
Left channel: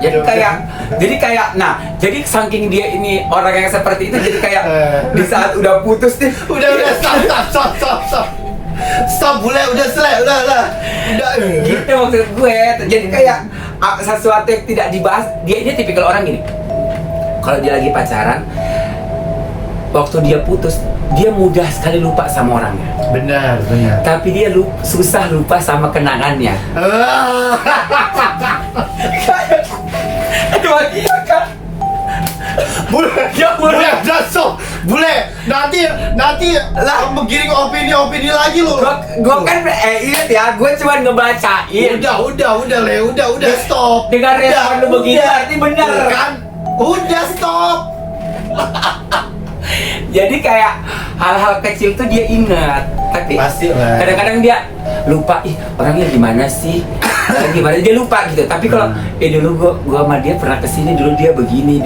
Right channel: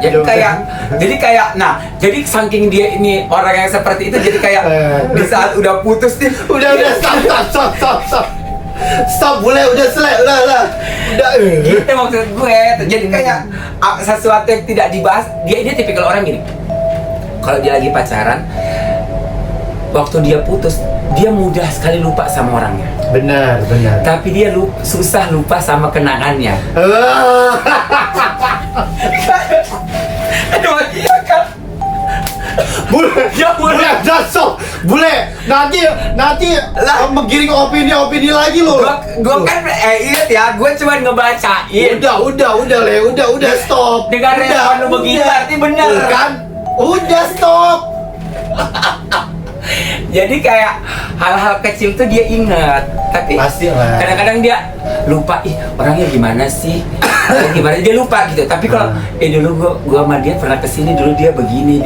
Jadi kayak nah, jadi saking dia ini orang yang seperti itu, jadi kayak di saat udah putus nih, Udah, stop. Stop, boleh, udah selesai, udah. gitu maksud gue. Jadi kayak sesuatu yang tidak dibahas. Dia ini tipikal orang gini. Kalau dia lagi pacaran, waktu dia putus, dia mudah sekali lupa sama orangnya. Benar. Tapi dia susah lupa sama kenangannya. Aduh, iya kan? Bule, dasok, bule. Nanti Lah. menggiring opini lagi lo. Gue kan ingat ya, gue cuma ngebacain. Udah, Le, udah, stop. Dengan respon lu begini, udah. berarti benar. Kan? Udah, stop. Jadi kayak hal-hal kecil tuh dia ingat, tapi Pasti lah. kadang-kadang dia lupa, orangnya gimana sih? Orangnya gimana? Dia lupa gitu. Tapi kalau dulu gua sama dia pernah kesini, dulu dia begini.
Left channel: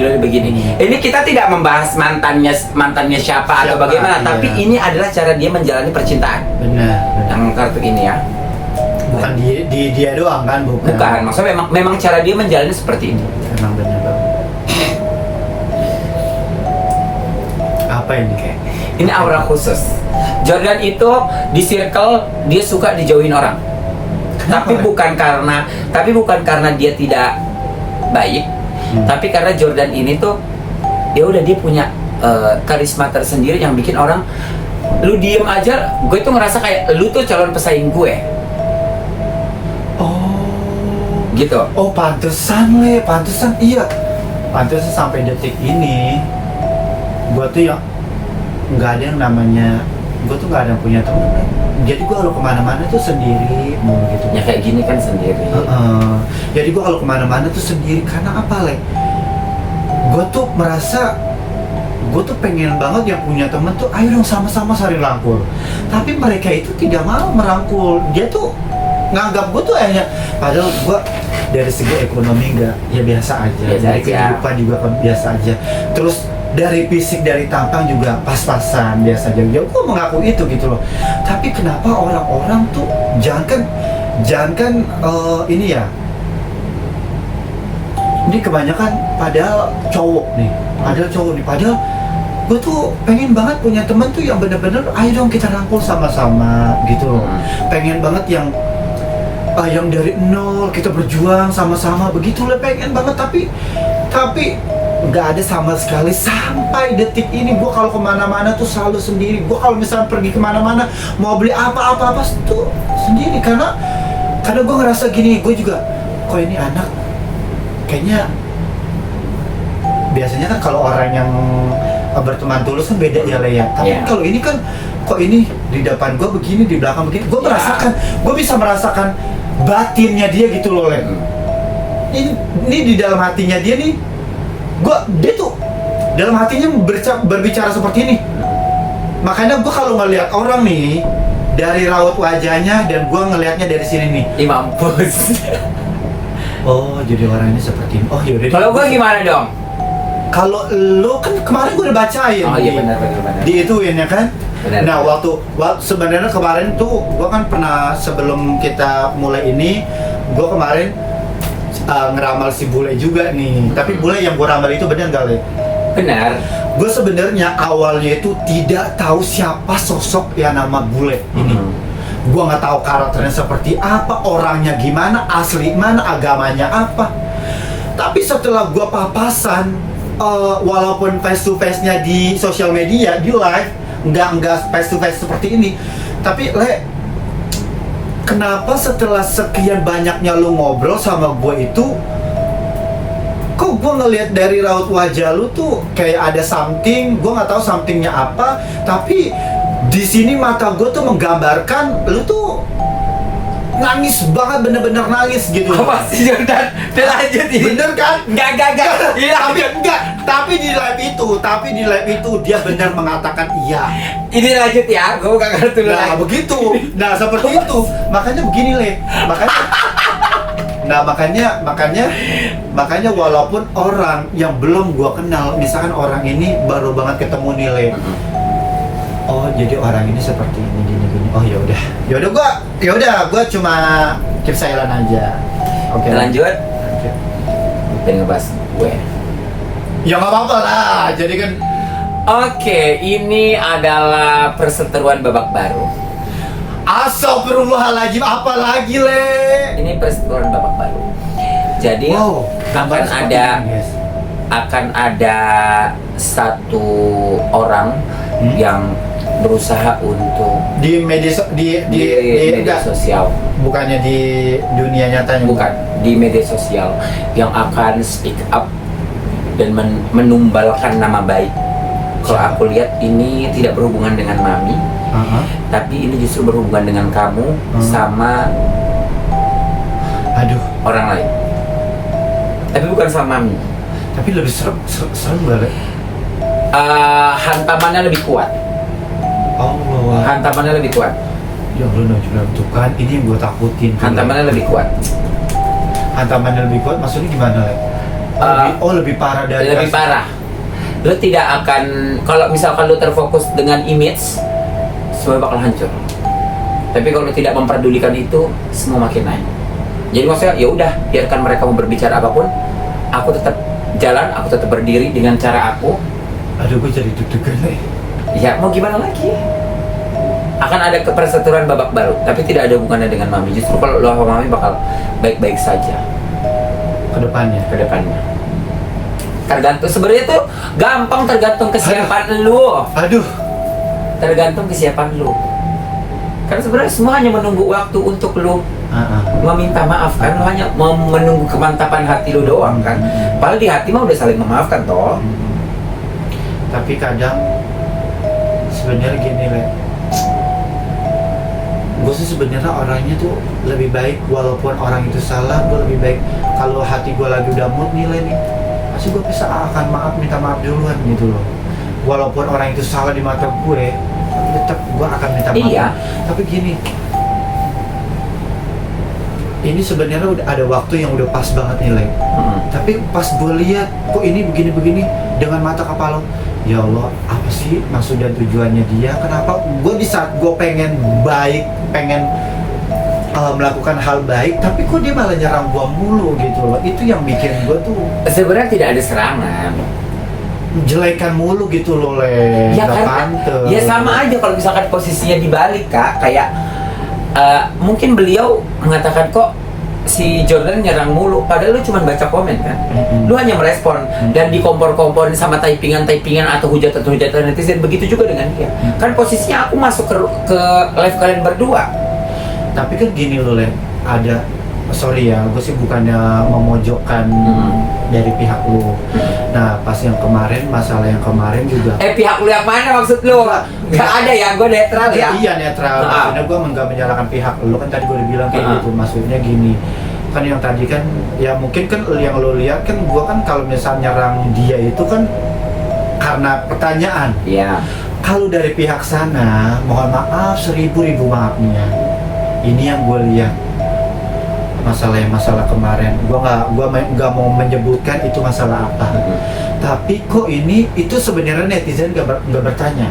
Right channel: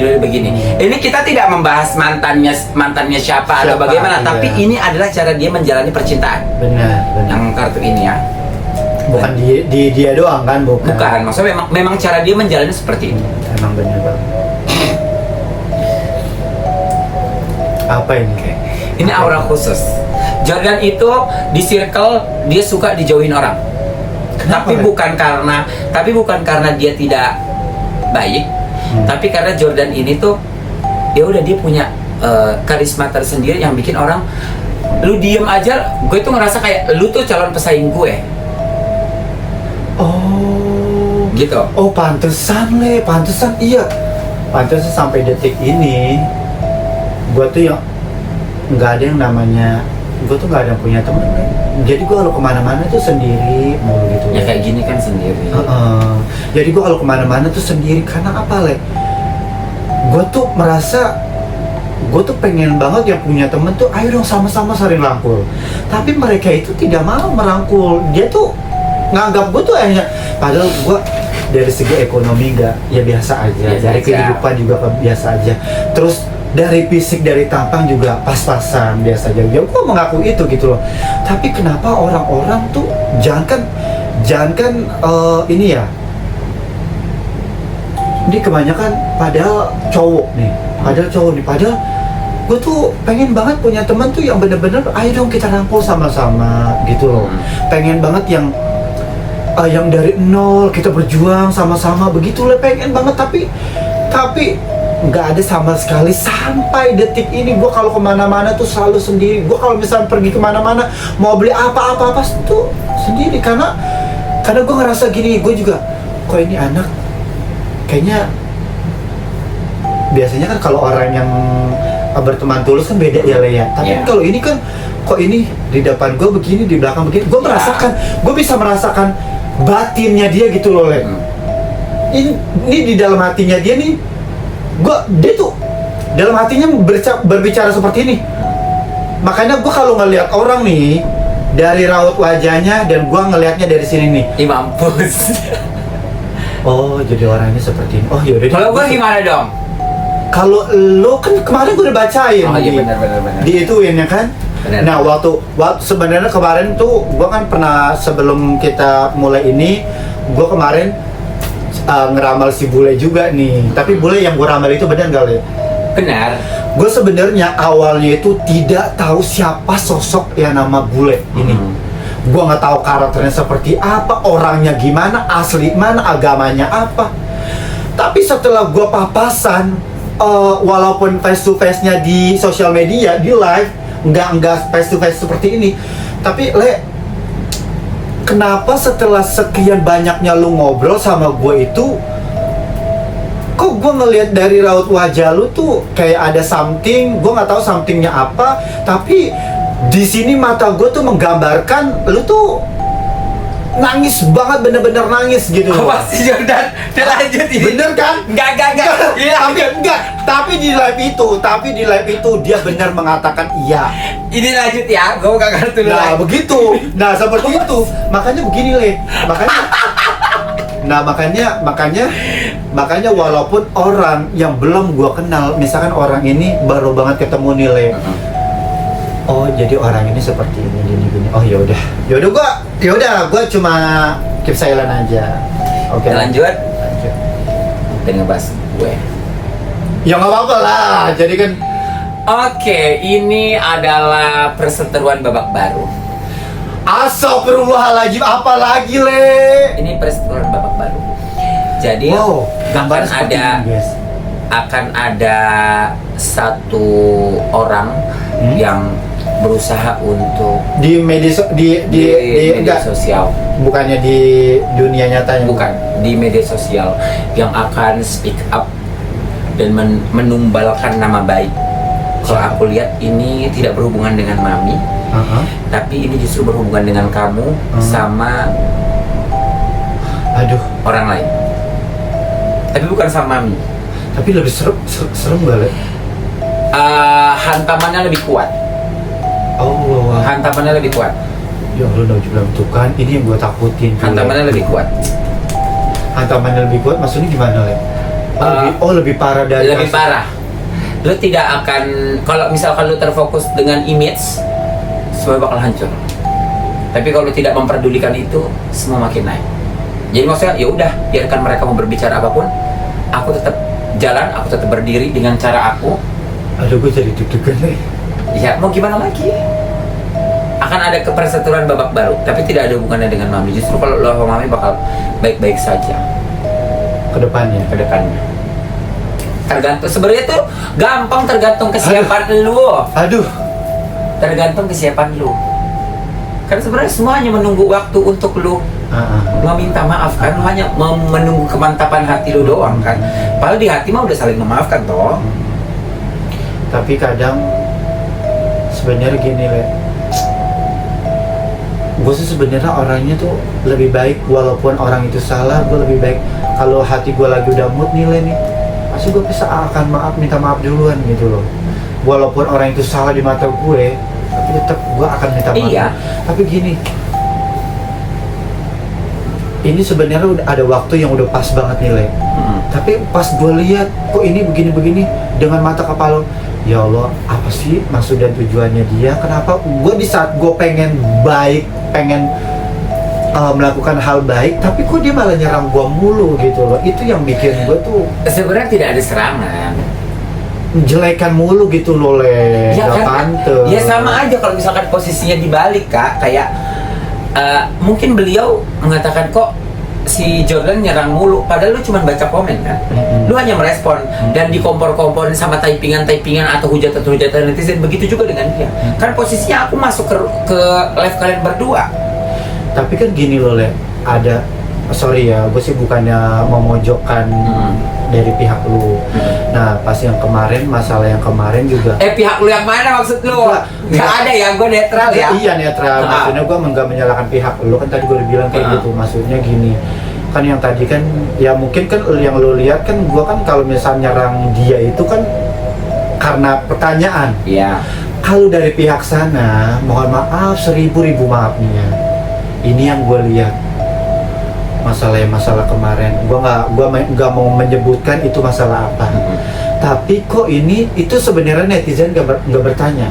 Ini kita tidak membahas mantannya siapa atau bagaimana, iya. tapi ini adalah cara dia menjalani percintaan. Benar. Yang kartu ini ya. Bukan di dia doang kan, Bukan, maksudnya memang cara dia menjalani seperti ini. Emang benar banget. Apa ini? Ini aura khusus. Jordan itu di circle dia suka dijauhin orang. Kenapa, Tapi bukan karena dia tidak baik, tapi karena Jordan ini tuh ya udah dia punya karisma tersendiri yang bikin orang, lu diem aja, gue tuh ngerasa kayak lu tuh calon pesaing gue. Oh, Gitu. Oh, pantesan iya. Pantesan sampai detik ini gua tuh yang nggak ada yang namanya, gua tuh nggak ada yang punya teman. Jadi gua kalau kemana-mana tuh sendiri mulu gitu. Ya kayak gini kan sendiri. Jadi gua kalau kemana-mana tuh sendiri karena apa, Le? Gua tuh merasa gua tuh pengen banget yang punya temen tuh, ayo dong sama-sama saling rangkul. Tapi mereka itu tidak mau merangkul. Dia tuh nganggap gua tuh hanya, padahal gua dari segi ekonomi nggak, ya biasa aja. Dari kehidupan juga biasa aja. Terus dari fisik, dari tampang juga pas-pasan biasa aja. Ya gue mengaku itu gitu loh. Tapi kenapa orang-orang tuh jangankan ini ya, ini kebanyakan padahal cowok nih, padahal gue tuh pengen banget punya teman tuh yang bener-bener ayo dong kita rangkul sama-sama gitu loh. Pengen banget yang dari nol kita berjuang sama-sama begitu lah, pengen banget. Tapi nggak ada sama sekali sampai detik ini. Gue kalau kemana-mana tuh selalu sendiri. Gue kalau misalnya pergi kemana-mana mau beli apa-apa tuh sendiri, karena gue ngerasa gini, gue juga kok ini anak kayaknya, biasanya kan kalau orang yang berteman tulus kan beda ya, Le ya. Tapi kalau ini kan kok ini di depan gue begini, di belakang begini, gue merasakan, gue bisa merasakan batinnya dia gitu loh, Le. Ini di dalam hatinya dia nih, dia tuh dalam hatinya berbicara seperti ini. Makanya gue kalau ngelihat orang nih dari raut wajahnya, dan gue ngelihatnya dari sini nih, Mampus. oh jadi orang ini seperti ini. Oh yaudah. Kalau gue gimana dong? Kalau lo kan kemarin gue udah bacain. Oh iya benar. Di ituin ya kan. Benar. Nah waktu sebenarnya kemarin tuh gue kan pernah, sebelum kita mulai ini, gue kemarin ngeramal si bule juga nih. Tapi bule yang gue ramal itu benar gak, Le? Benar. Gue sebenarnya awalnya itu tidak tahu siapa sosok yang nama bule ini. Gue nggak tahu karakternya seperti apa, orangnya gimana, asli mana, agamanya apa. Tapi setelah gue papasan, walaupun face to face nya di sosial media, di live, nggak face to face seperti ini. Tapi Le, kenapa setelah sekian banyaknya lu ngobrol sama gue itu, kok gue ngelihat dari raut wajah lu tuh kayak ada something, gue nggak tahu somethingnya apa, tapi di sini mata gue tuh menggambarkan lu tuh nangis banget, bener-bener nangis gitu. Apa sih Jordan? Terlanjut ini. Bener kan? Enggak. Iya. Tapi di live itu dia benar mengatakan iya. Ini lanjut ya, gue gak ngerti dulu Nah lagi. begitu, nah seperti itu, makanya begini Le, makanya walaupun orang yang belum gua kenal, misalkan orang ini baru banget ketemu nih Le, oh jadi orang ini seperti ini gini, oh yaudah gua cuma kesailan aja. Oke. Lanjut. Dan ngebahas gue. Ya nggak apa-apa lah, jadi kan. Oke, ini adalah perseteruan babak baru. Astagfirullahaladzim, apa lagi Le? Ini perseteruan babak baru. Jadi Wow, akan gambarnya seperti ada ini, guys. akan ada satu orang yang berusaha untuk Di media di media enggak, sosial, bukannya di dunia nyatanya. bukan di media sosial, yang akan speak up dan menumbalkan nama baik. Kalau aku lihat ini tidak berhubungan dengan Mami, tapi ini justru berhubungan dengan kamu sama orang lain. Tapi bukan sama Mami. Tapi lebih serem gak Le? Hantamannya lebih kuat. Oh, Hantamannya lebih kuat. ya Allah, tuh kan ini yang gue takutin. Hantamannya lebih kuat. Hantamannya lebih kuat, maksudnya gimana Le? Lebih parah dari Lebih kasus. parah. Lo tidak akan, kalau misalkan lo terfokus dengan image, semua bakal hancur. Tapi kalau lo tidak memperdulikan itu, semua makin naik. Jadi maksudnya ya udah, biarkan mereka mau berbicara apapun, aku tetap jalan, aku tetap berdiri dengan cara aku. Aduh, gue jadi deg-degan nih. Ya mau gimana lagi? Akan ada keperseteruan babak baru, tapi tidak ada hubungannya dengan Mami. Justru kalau lo sama Mami bakal baik-baik saja Kedepannya. Tergantung, sebenarnya tuh gampang, tergantung kesiapan lu. Aduh. Tergantung kesiapan lu. Kan sebenarnya semua hanya menunggu waktu untuk lu meminta maaf kan, lu hanya menunggu kemantapan hati lu doang kan. Padahal di hati mah udah saling memaafkan toh. Tapi kadang sebenarnya gini Le, gue sih sebenarnya orangnya tuh lebih baik, walaupun orang itu salah, gue lebih baik kalau hati gue lagi udah mood nih Le nih, pasti gue bisa akan minta maaf duluan gitu loh. Walaupun orang itu salah di mata gue, tapi tetap gue akan minta maaf. Iya. Tapi gini, ini sebenarnya udah ada waktu yang udah pas banget nih Le. Tapi pas gue lihat kok ini begini-begini dengan mata kepala, ya Allah, apa sih maksud dan tujuannya dia? Kenapa gue di saat gue pengen baik, pengen melakukan hal baik, tapi kok dia malah nyerang gue mulu gitu loh? Itu yang bikin gue tuh Sebenarnya tidak ada serangan. jelekan mulu gitu loh Le. Ya Nggak kan? pantes. Ya sama aja kalau misalkan posisinya dibalik Kak, kayak mungkin beliau mengatakan kok si Jordan nyerang mulu, padahal lu cuma baca komen kan. Lu hanya merespon dan dikompor-komporin sama typingan atau hujatan netizen. Begitu juga dengan dia. Kan posisinya aku masuk ke live kalian berdua. Tapi kan gini loh Le, ada, sorry ya, gue sih bukannya memojokkan dari pihak lu. Nah pas yang kemarin, masalah yang kemarin juga Pihak lu yang mana maksud lu? Gak ada ya, gue netral ya. Iya netral, maksudnya gue nggak menyalahkan pihak lu, kan tadi gue udah bilang kayak gitu. Maksudnya gini, kan yang tadi kan ya mungkin kan yang lu lihat kan, gue kan kalau misalnya nyerang dia itu kan karena pertanyaan. Iya. Kalau dari pihak sana, mohon maaf, 1000 maafnya. Ini yang gue lihat, masalah kemarin. Gue nggak mau menyebutkan itu masalah apa. Tapi kok ini itu sebenarnya netizen nggak bertanya.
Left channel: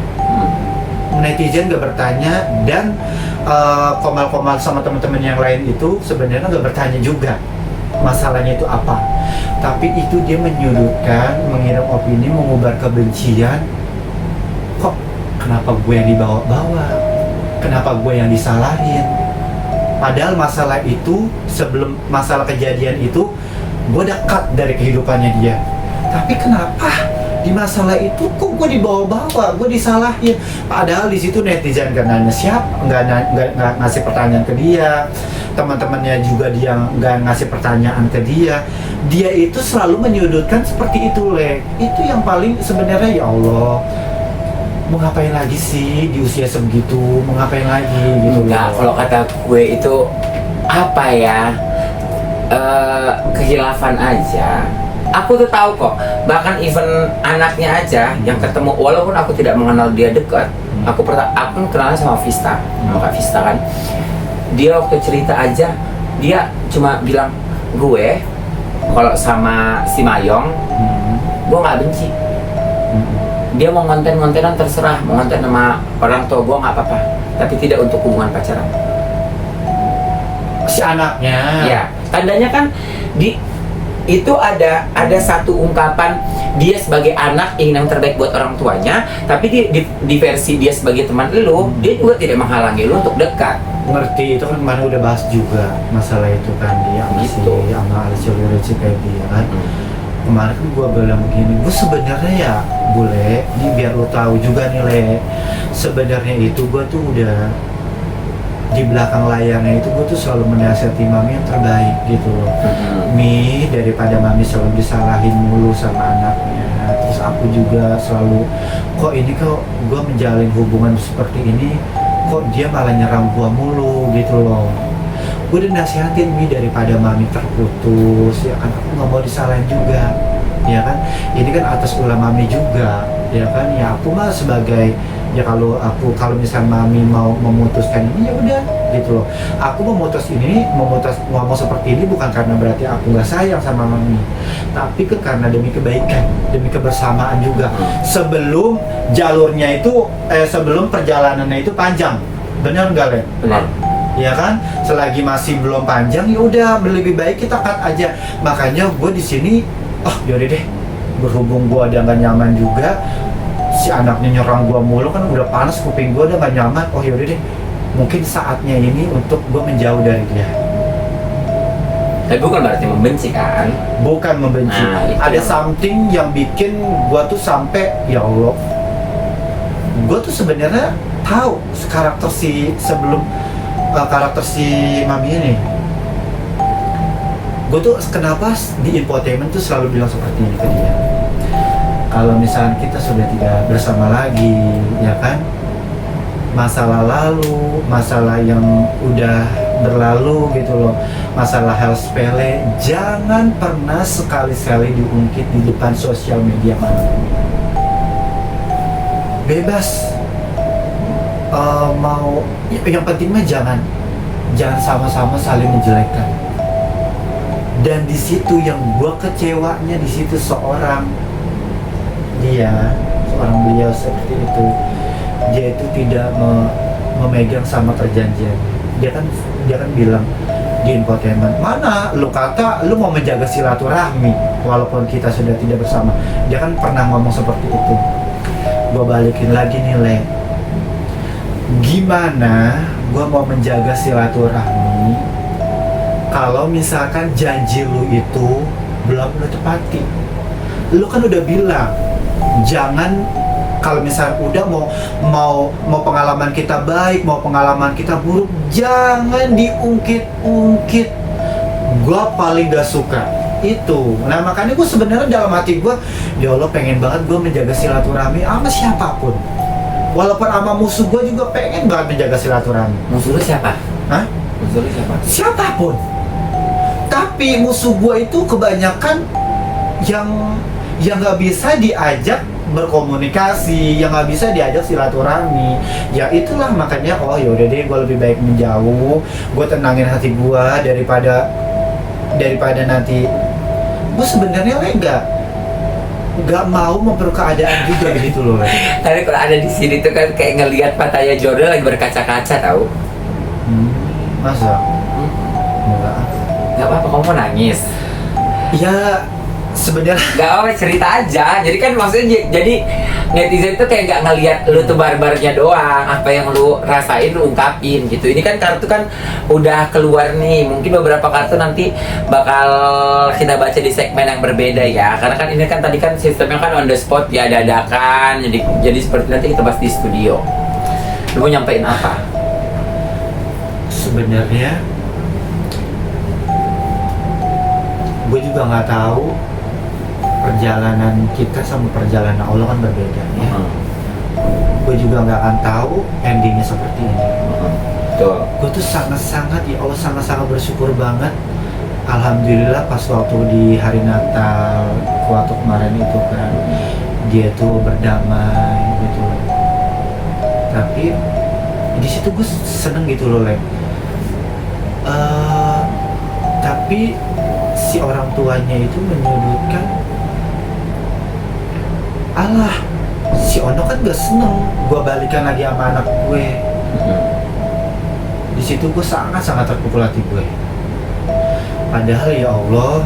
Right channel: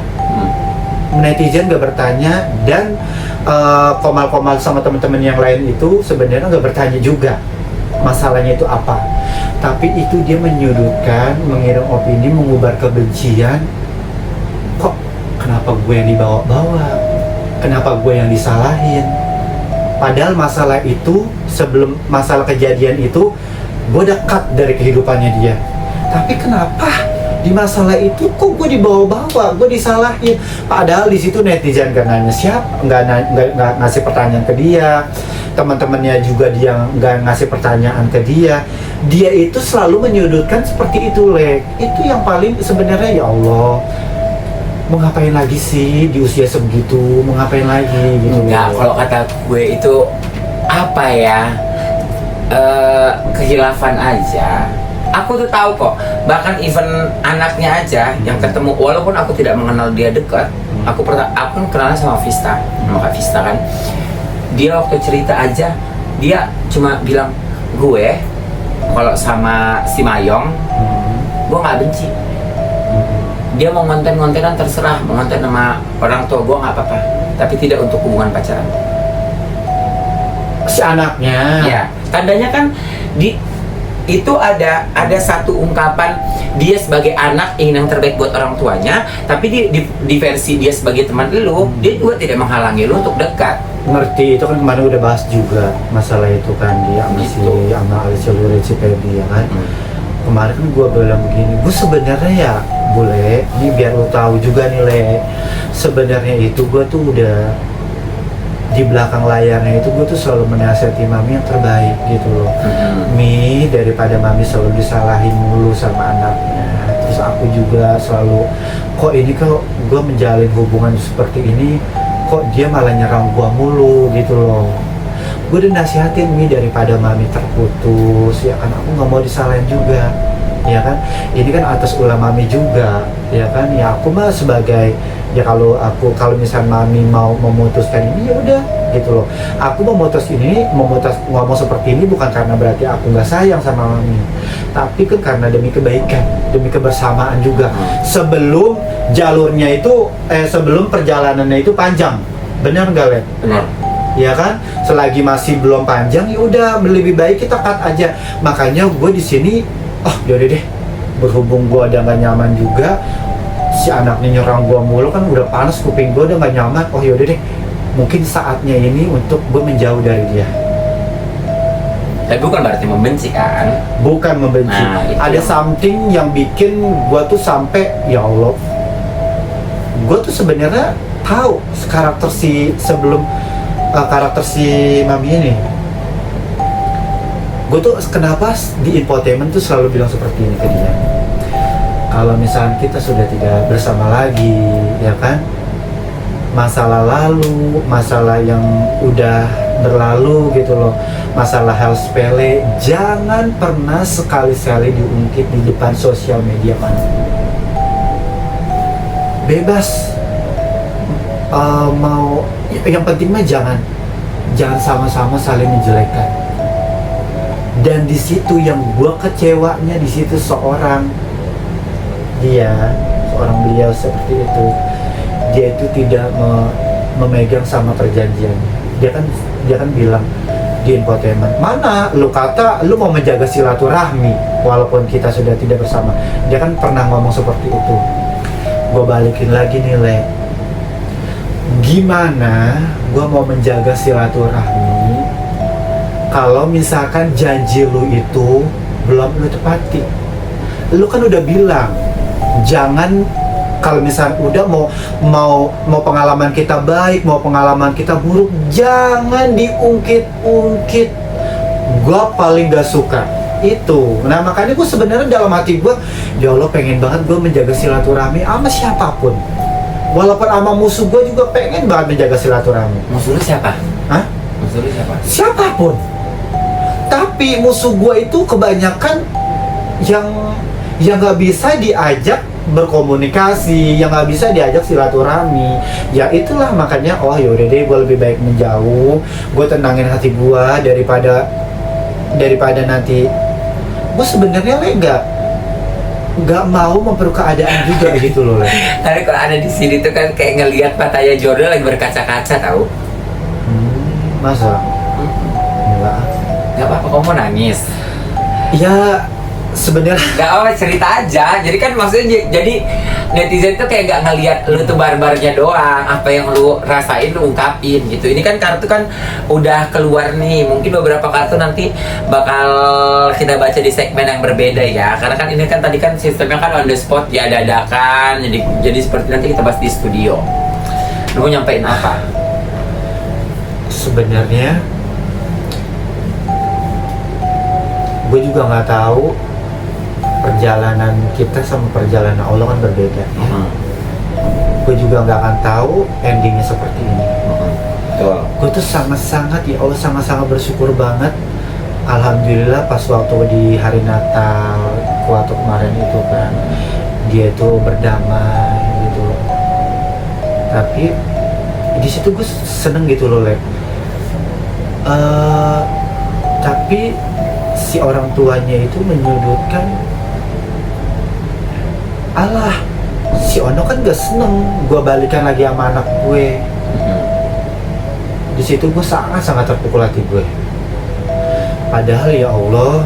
Netizen nggak bertanya, dan komal-komal sama teman-teman yang lain itu sebenarnya nggak bertanya juga masalahnya itu apa. Tapi itu dia menyudutkan, mengirim opini, mengubar kebencian. Kok kenapa gue yang dibawa-bawa? Kenapa gue yang disalahin? Padahal masalah itu, sebelum masalah kejadian itu, gue dekat dari kehidupannya dia. Tapi kenapa di masalah itu kok gue dibawa-bawa, gue disalahin. Padahal di situ netizen gak nanya nggak ngasih pertanyaan ke dia, teman-temannya juga dia nggak ngasih pertanyaan ke dia. Dia itu selalu menyudutkan seperti itu, Le. Itu yang paling sebenarnya, ya Allah, mau ngapain lagi sih di usia segitu, mau ngapain lagi gitu. Enggak, kalau kata gue itu apa ya, kehilafan aja. Aku tuh tahu kok, bahkan even anaknya aja yang ketemu, walaupun aku tidak mengenal dia dekat, aku kan kenalan sama Vista, sama Kak Vista kan. Dia waktu cerita aja, dia cuma bilang, gue kalau sama si Mayong, gue nggak benci. Dia mau konten-kontenan terserah, mau konten sama orang tua gue nggak apa-apa, tapi tidak untuk hubungan pacaran. Si anaknya. Ya, tandanya kan itu ada satu ungkapan dia sebagai anak ingin yang terbaik buat orang tuanya, tapi di versi dia sebagai teman lu, dia juga tidak menghalangi lu untuk dekat. Ngerti, itu kan kemarin udah bahas juga masalah itu kan, dia sama Alicia Lureci Pedi ya kan. Kemarin kan gue bilang begini, gue sebenarnya ya boleh, ini biar lo tahu juga nih, Le, sebenarnya itu gue tuh udah di belakang layarnya itu gue tuh selalu menasihati Mami yang terbaik gitu loh. Mi, daripada Mami selalu disalahin mulu sama anaknya, terus aku juga selalu, kok ini kok gue menjalin hubungan seperti ini, kok dia malah nyerang gue mulu gitu loh. Gue udah nasihatin ini daripada Mami terputus, ya kan, aku nggak mau disalahin juga, ya kan. Ini kan atas ulah Mami juga, ya kan. Ya aku mah sebagai, ya kalau misal Mami mau memutuskan ini, ya udah gitu loh. Aku memutus ngomong seperti ini bukan karena berarti aku nggak sayang sama Mami, tapi kan karena demi kebaikan, demi kebersamaan juga. Sebelum jalurnya itu, sebelum perjalanannya itu panjang, benar nggak, Le? Benar. Ya kan, selagi masih belum panjang, ya udah lebih baik kita cut aja. Makanya gue di sini, yaudah deh, berhubung gue ada nggak nyaman juga, si anaknya nyerang gue mulu kan, udah panas kuping gue, udah nggak nyaman. Yaudah deh, mungkin saatnya ini untuk gue menjauh dari dia. Tapi bukan berarti membenci kan? Bukan membenci. Nah, ada something yang bikin gue tuh sampai, ya Allah, gue tuh sebenarnya tahu karakter si Mami ini. Gue tuh kenapa di infotainment tuh selalu bilang seperti ini ke dia. Kalau misalnya kita sudah tidak bersama lagi, ya kan, masalah lalu, masalah yang udah berlalu gitu loh, masalah hal sepele, jangan pernah sekali-sekali diungkit di depan sosial media manapun. Bebas, mau, yang penting mah jangan sama-sama saling menjelekkan. Dan di situ yang gue kecewanya, di situ seorang beliau seperti itu, dia itu tidak memegang sama perjanjian. Dia kan bilang di infotainment, mana lu kata lu mau menjaga silaturahmi walaupun kita sudah tidak bersama. Dia kan pernah ngomong seperti itu. Gue balikin lagi nih, Le, gimana gue mau menjaga silaturahmi kalau misalkan janji lu itu belum lu tepati? Lu kan udah bilang jangan, kalau misalnya udah mau pengalaman kita baik, mau pengalaman kita buruk, jangan diungkit-ungkit. Gue paling gak suka itu. Nah makanya gue sebenarnya dalam hati gue, ya Allah, pengen banget gue menjaga silaturahmi sama siapapun. Walaupun sama musuh gue juga pengen banget menjaga silaturahmi. Musuh lu siapa? Hah? Musuh lu siapa? Siapapun. Tapi musuh gue itu kebanyakan yang nggak bisa diajak berkomunikasi, yang nggak bisa diajak silaturahmi. Ya itulah makanya, yaudah deh, gue lebih baik menjauh. Gue tenangin hati gue daripada nanti. Gue sebenarnya nggak mau memperkeruh keadaan juga gitu loh. Tapi kalau ada di sini tuh kan kayak ngelihat Pataya Jordan lagi berkaca-kaca, tahu? Masa? Enggak. Gak apa-apa, kamu mau nangis. Ya sebenarnya Gak apa cerita aja. Jadi kan maksudnya jadi netizen tuh kayak nggak ngelihat lu tuh barbarnya doang. Apa yang lu rasain lu ungkapin gitu. Ini kan kartu kan udah keluar nih. Mungkin beberapa kartu nanti bakal kita baca di segmen yang berbeda ya. Karena kan ini kan tadi kan sistemnya kan on the spot ya, dadakan. Jadi seperti nanti kita bahas di studio. Lu mau nyampein apa? sebenarnya gue juga nggak tahu, perjalanan kita sama perjalanan Allah kan berbeda. Gue juga nggak akan tahu endingnya seperti ini. Betul. Gue tuh sangat-sangat, ya Allah, sangat-sangat bersyukur banget. Alhamdulillah pas waktu di hari Natal waktu kemarin itu kan dia itu berdamai gitu. Tapi di situ gue seneng gitu loh, Lek. Tapi si orang tuanya itu menyudutkan, alah si Ono kan gak seneng gue balikan lagi sama anak gue. Di situ gue sangat terpukul hati gue. Padahal ya Allah,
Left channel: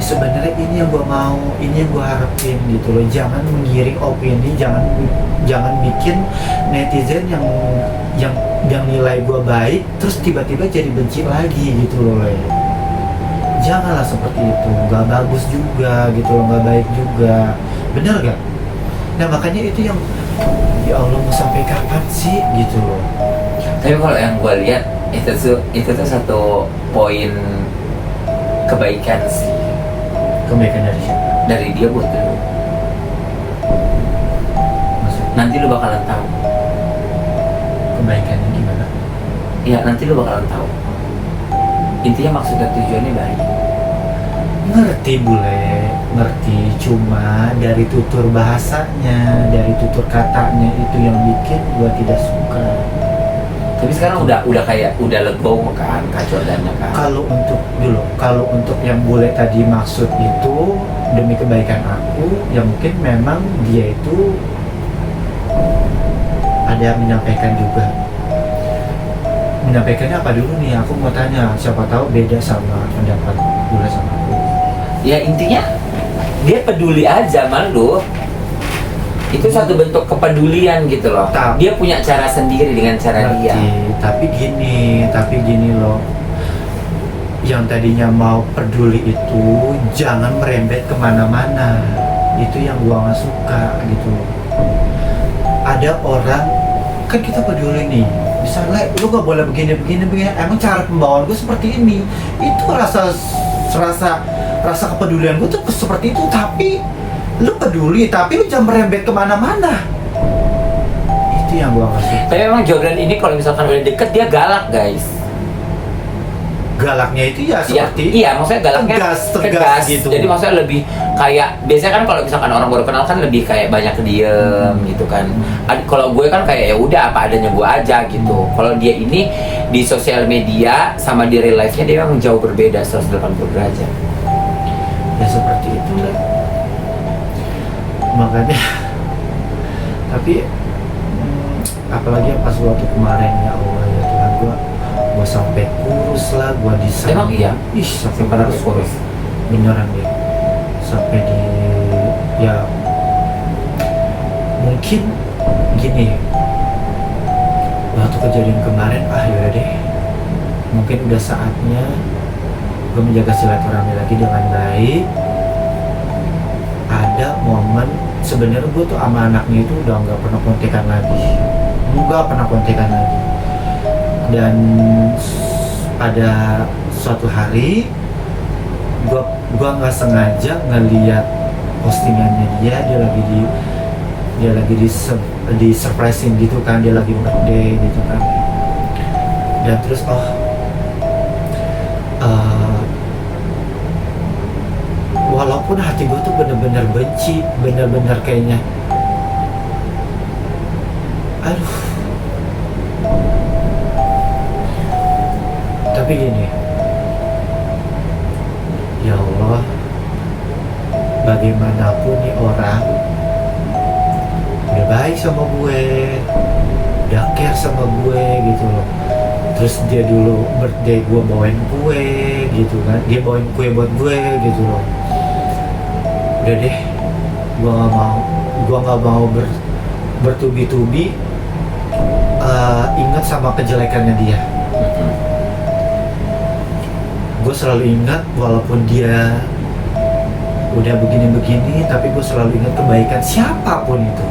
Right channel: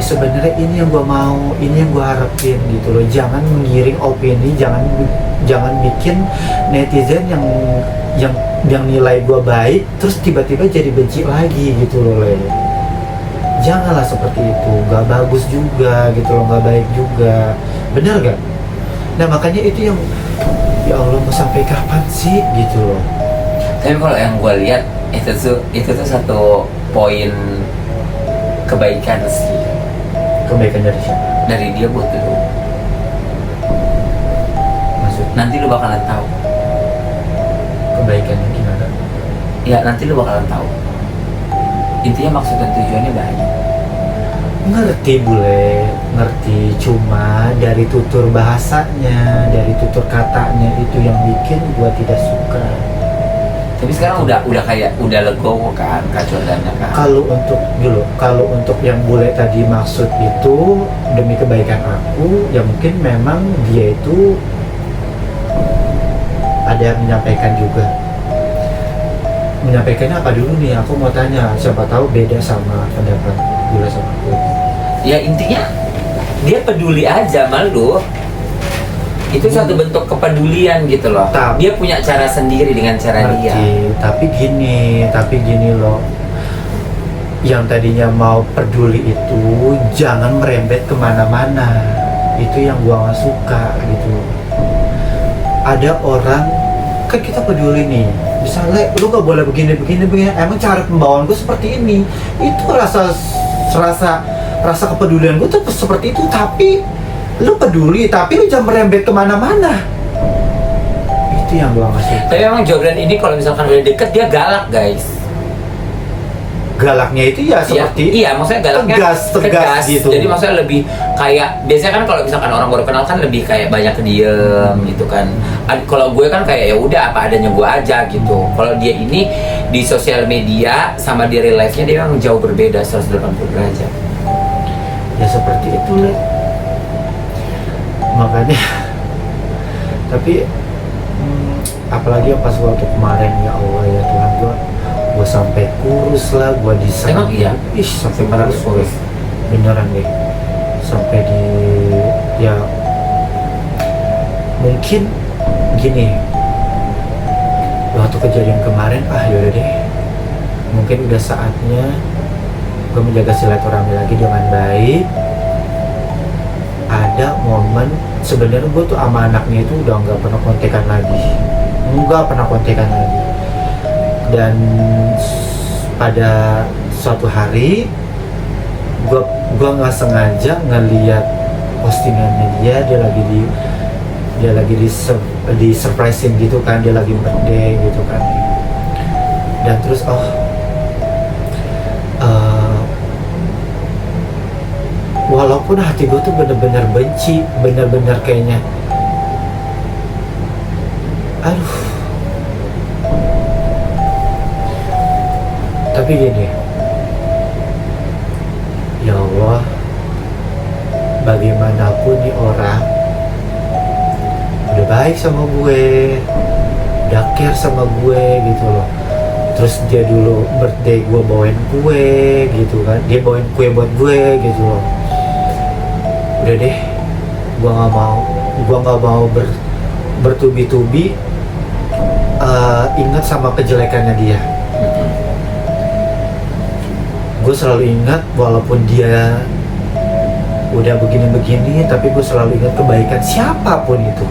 sebenarnya ini yang gue mau, ini yang gue harapin gitu loh. Jangan menggiring opini, jangan bikin netizen yang nilai gue baik terus tiba-tiba jadi benci lagi gitu loh. Janganlah seperti itu, nggak bagus juga gitu loh, nggak baik juga, bener gak? Nah makanya itu yang, ya Allah mau sampai kapan sih gitu loh. Tapi kalau yang gue lihat itu tuh satu poin kebaikan sih. Kebaikan dari siapa? Dari dia buat lu. Maksudnya Nanti lu bakalan tahu. kebaikannya gimana? Ya nanti lu bakalan tahu. Intinya maksud dan tujuannya baik. Ngerti bule, ngerti. Cuma dari tutur bahasanya, dari tutur katanya itu yang bikin gua tidak suka. Tapi sekarang udah legowo kan kacodannya kan. Kalau untuk yang bule tadi maksud itu demi kebaikan aku, ya mungkin memang dia itu ada yang menyampaikan juga. Menyampaikannya apa dulu nih? Aku mau tanya, siapa tahu beda sama pendapat bule sama aku. Ya intinya dia peduli aja sama lu. Itu satu bentuk kepedulian gitu loh. Dia punya cara sendiri dengan cara dia. Tapi gini loh. Yang tadinya mau peduli itu jangan merembet kemana-mana. Itu yang gua nggak suka gitu. Ada orang, kan kita peduli nih. Misalnya lu nggak boleh begini. Emang cara pembawaan gue seperti ini. Itu rasa kepedulian gue tuh seperti itu. Tapi lu peduli, tapi lu jangan merembet kemana-mana. Itu yang gua nggak suka. Tapi memang Jordan ini kalau misalkan udah deket dia galak guys. Galaknya itu ya seperti iya maksudnya galaknya tegas gitu. Jadi maksudnya lebih kayak biasanya kan kalau misalkan orang baru kenal kan lebih kayak banyak diem gitu kan. Kalau gue kan kayak ya udah apa adanya gue aja gitu. Kalau dia ini di sosial media sama di real life-nya dia memang jauh berbeda 180 derajat. Ya seperti itu. Makanya tapi apalagi pas waktu kemarin, ya Allah ya Tuhan, gua sampai kurus lah, gua diserang. Emang iya? Sampai 400 kurus. beneran gue sampai di, ya mungkin gini, waktu kejadian kemarin yaudah deh, mungkin udah saatnya gue menjaga silaturahmi lagi dengan baik. Ada momen sebenarnya gue tuh sama anaknya itu udah nggak pernah kontekan lagi, dan pada suatu hari gue nggak sengaja ngeliat postingannya dia lagi di surprising gitu kan, dia lagi birthday gitu kan, dan terus walaupun hati gue tuh bener-bener benci, bener-bener kayaknya aduh, tapi gini, ya Allah, bagaimanapun nih orang udah baik sama gue, udah care sama gue gitu loh, Terus dia dulu birthday gue bawain kue gitu kan, dia bawain kue buat gue gitu loh. Udah deh, gue nggak mau bertubi-tubi ingat sama kejelekannya dia. Gue selalu ingat walaupun dia udah begini-begini, tapi gue selalu ingat kebaikan siapapun itu.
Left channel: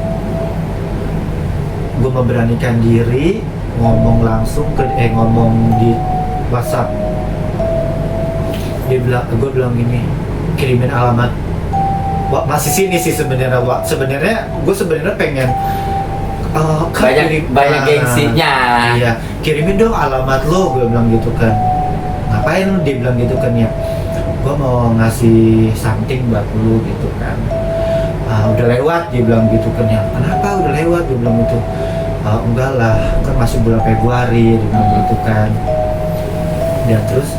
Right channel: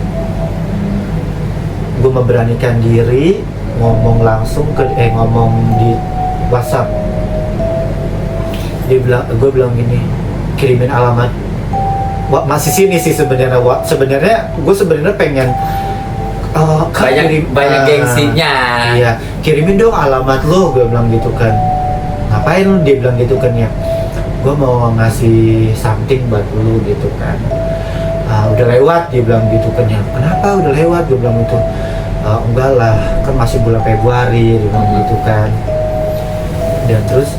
Gue memberanikan diri ngomong langsung ngomong di WhatsApp. Gue bilang gini, kirimin alamat. Masih sini sih sebenarnya. Gue sebenarnya pengen banyak gengsinya. Iya, kirimin dong alamat lo, gue bilang gitu kan. Ngapain lo? Dia bilang gitu kan ya. Gue mau ngasih something buat lu gitu kan. Udah lewat, dia bilang gitu kan ya. Kenapa udah lewat? Gue bilang gitu. Enggak lah, kan masih bulan Februari gitu kan. Dan terus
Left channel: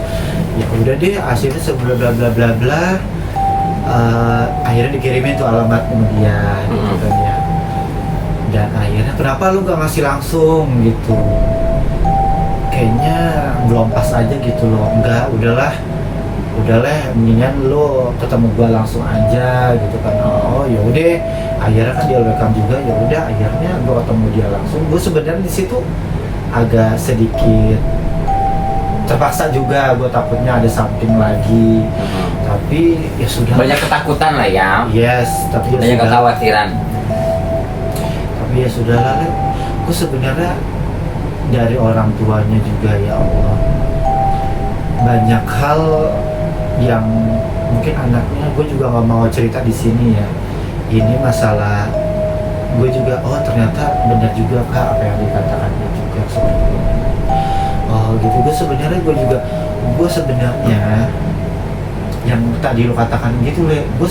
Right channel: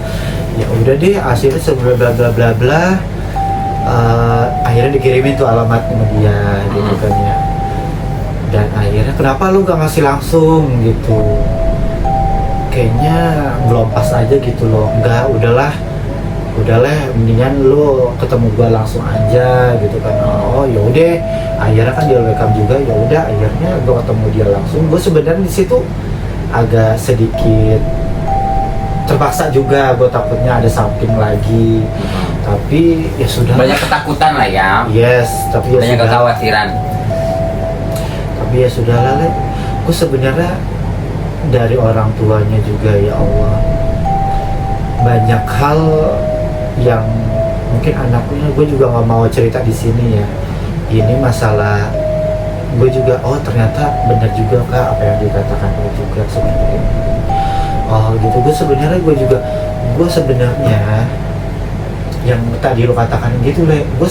ya udah deh, akhirnya sebelum bla bla bla bla, akhirnya dikirimin tuh alamat sama dia gitu kan ya. Dan akhirnya kenapa lu gak ngasih langsung gitu? Kayaknya belum pas aja gitu loh. Enggak, udahlah mendingan lu ketemu gua langsung aja gitu kan. Oh ya udah, akhirnya kan dia welcome juga. Ya udah, akhirnya gua ketemu dia langsung. Gua sebenarnya di situ agak sedikit terpaksa juga, gua takutnya ada something lagi. Tapi ya sudah, banyak ketakutan lah ya. Yes, tapi ya banyak sudah. kekhawatiran. Tapi ya sudah lah, gua sebenarnya dari orang tuanya juga, ya Allah, banyak hal yang mungkin anaknya, gue juga nggak mau cerita di sini ya. Ini masalah gue juga, oh ternyata benar juga Kak apa yang dikatakan dia juga seperti itu. Oh gitu, gue sebenarnya yang tadi lo katakan gitu Le, gue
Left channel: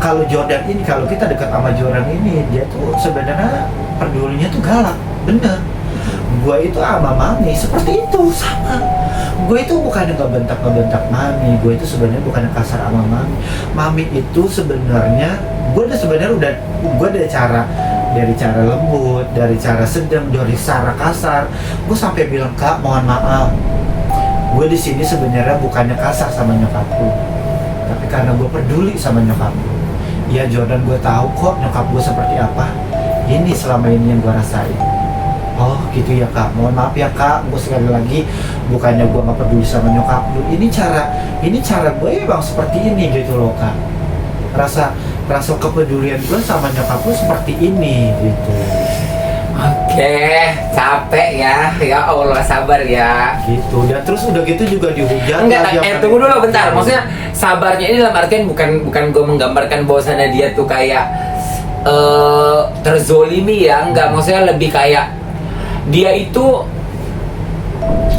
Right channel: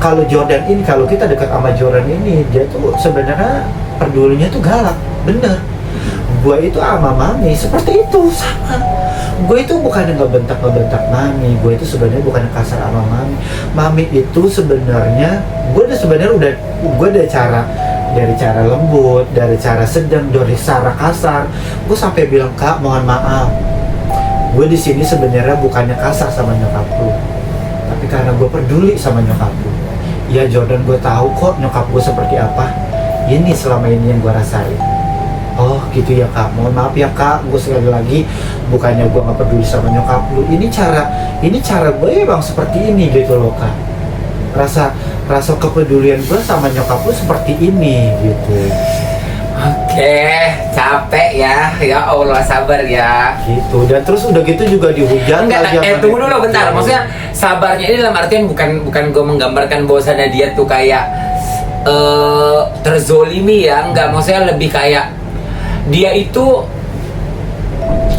kalau Jordan ini, kalau kita dekat sama Jordan ini, dia tuh sebenarnya pedulinya tuh galak, bener. Gue itu sama Mami seperti itu, sama. Gue itu bukan ngebentak Mami, gue itu sebenarnya bukan kasar sama Mami. Mami itu sebenarnya, gue dari cara lembut, dari cara sedang, dari cara kasar, gue sampai bilang, Kak mohon maaf, gue di sini sebenarnya bukannya kasar sama nyokap lu, tapi karena gue peduli sama nyokap lu. Ya Jordan, gue tahu kok nyokap gue seperti apa. Ini selama ini yang gue rasain. Oh gitu ya Kak, mohon maaf ya Kak, gue sekali lagi bukannya gue gak peduli sama nyokap lu, ini cara gue emang seperti ini gitu loh Kak. Rasa kepedulian gue sama nyokap lu seperti ini gitu. Oke, capek ya Allah, sabar ya. Gitu, dan terus udah gitu juga dihujat. Enggak, tunggu dulu bentar, maksudnya sabarnya ini dalam artian bukan gue menggambarkan bahwasannya dia tuh kayak terzolimi ya, enggak, maksudnya lebih kayak dia itu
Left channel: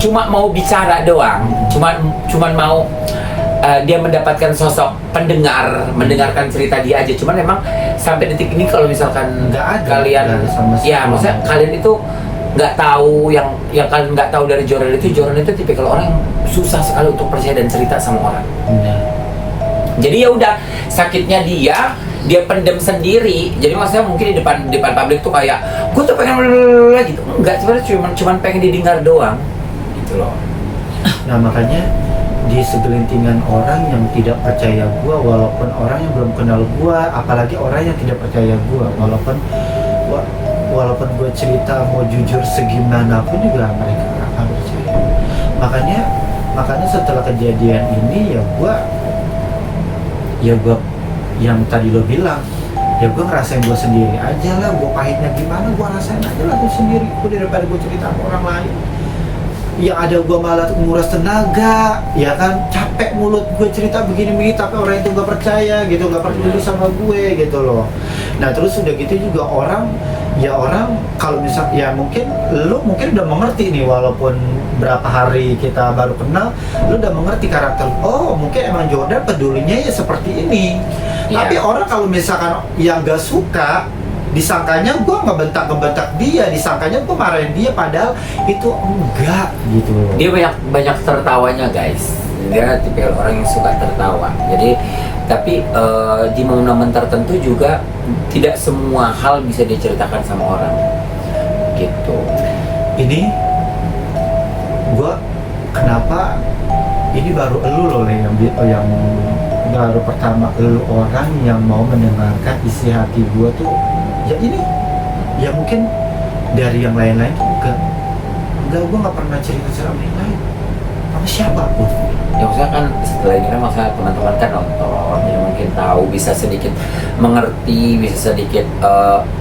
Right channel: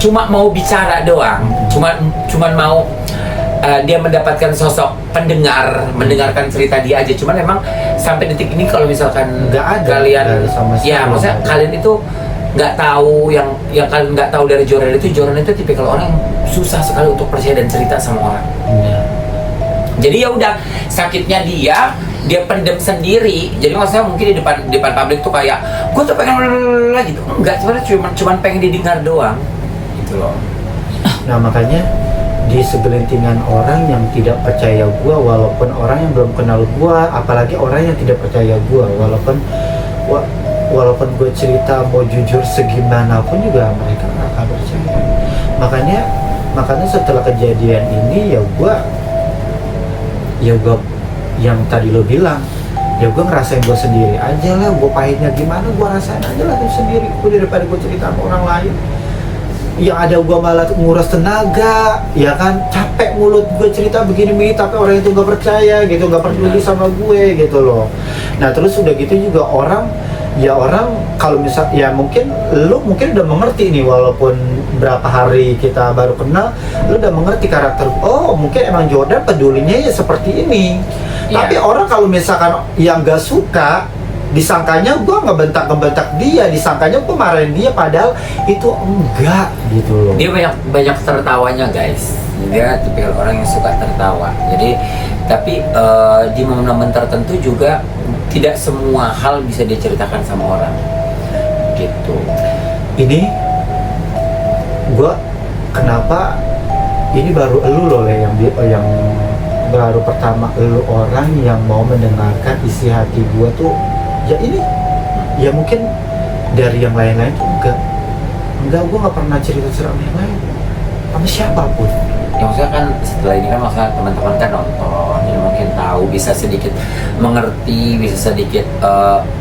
cuma mau bicara doang, cuman mau dia mendapatkan sosok pendengar, mendengarkan cerita dia aja. Cuman memang sampai detik ini kalau misalkan nggak ada kalian, ya maksudnya kalian itu nggak tahu yang kalian nggak tahu dari Jordan itu tipikal orang yang susah sekali untuk percaya dan cerita sama orang. Jadi ya udah, sakitnya dia pendem sendiri. Jadi maksudnya mungkin di depan publik tuh kayak gue tuh pengen gitu. Enggak, sebenarnya cuman pengen didengar doang gitu loh. Nah makanya di segelintingan orang yang tidak percaya gue, walaupun orang yang belum kenal gue, apalagi orang yang tidak percaya gue, walaupun gue cerita mau jujur segimanapun juga mereka gak akan percaya. Makanya setelah kejadian ini ya gue yang tadi lo bilang, ya gue ngerasain gue sendiri aja lah. Gue pahitnya gimana, gue rasain aja lah gue sendiri. Gue daripada gue cerita sama orang lain, yang ada gue malah nguras tenaga, ya kan, capek mulut gue cerita begini-begini, tapi orang itu gak percaya gitu, gak peduli sama gue gitu loh. Nah terus udah gitu juga orang kalau misal, ya mungkin lu udah mengerti nih, walaupun berapa hari kita baru kenal, lu udah mengerti karakter. Oh mungkin emang Jordan pedulinya ya seperti ini. Tapi orang kalau misalkan yang gak suka, disangkanya gue ngebentak dia, disangkanya gue marahin dia, padahal itu enggak gitu. Dia banyak tertawanya guys. Dia tipikal orang yang suka tertawa. Jadi tapi di momen-momen tertentu juga tidak semua hal bisa diceritakan sama orang gitu. Ini Gua kenapa ini baru elu loh Le, yang baru pertama elu orang yang mau mendengarkan isi hati gua tuh ya ini. Ya mungkin dari yang lain-lain tuh enggak, gua nggak pernah cerita sama yang lain sama siapapun. Ya maksudnya kan setelah ini kan maksudnya teman-teman kan nonton, jadi mungkin tahu, bisa sedikit mengerti, bisa sedikit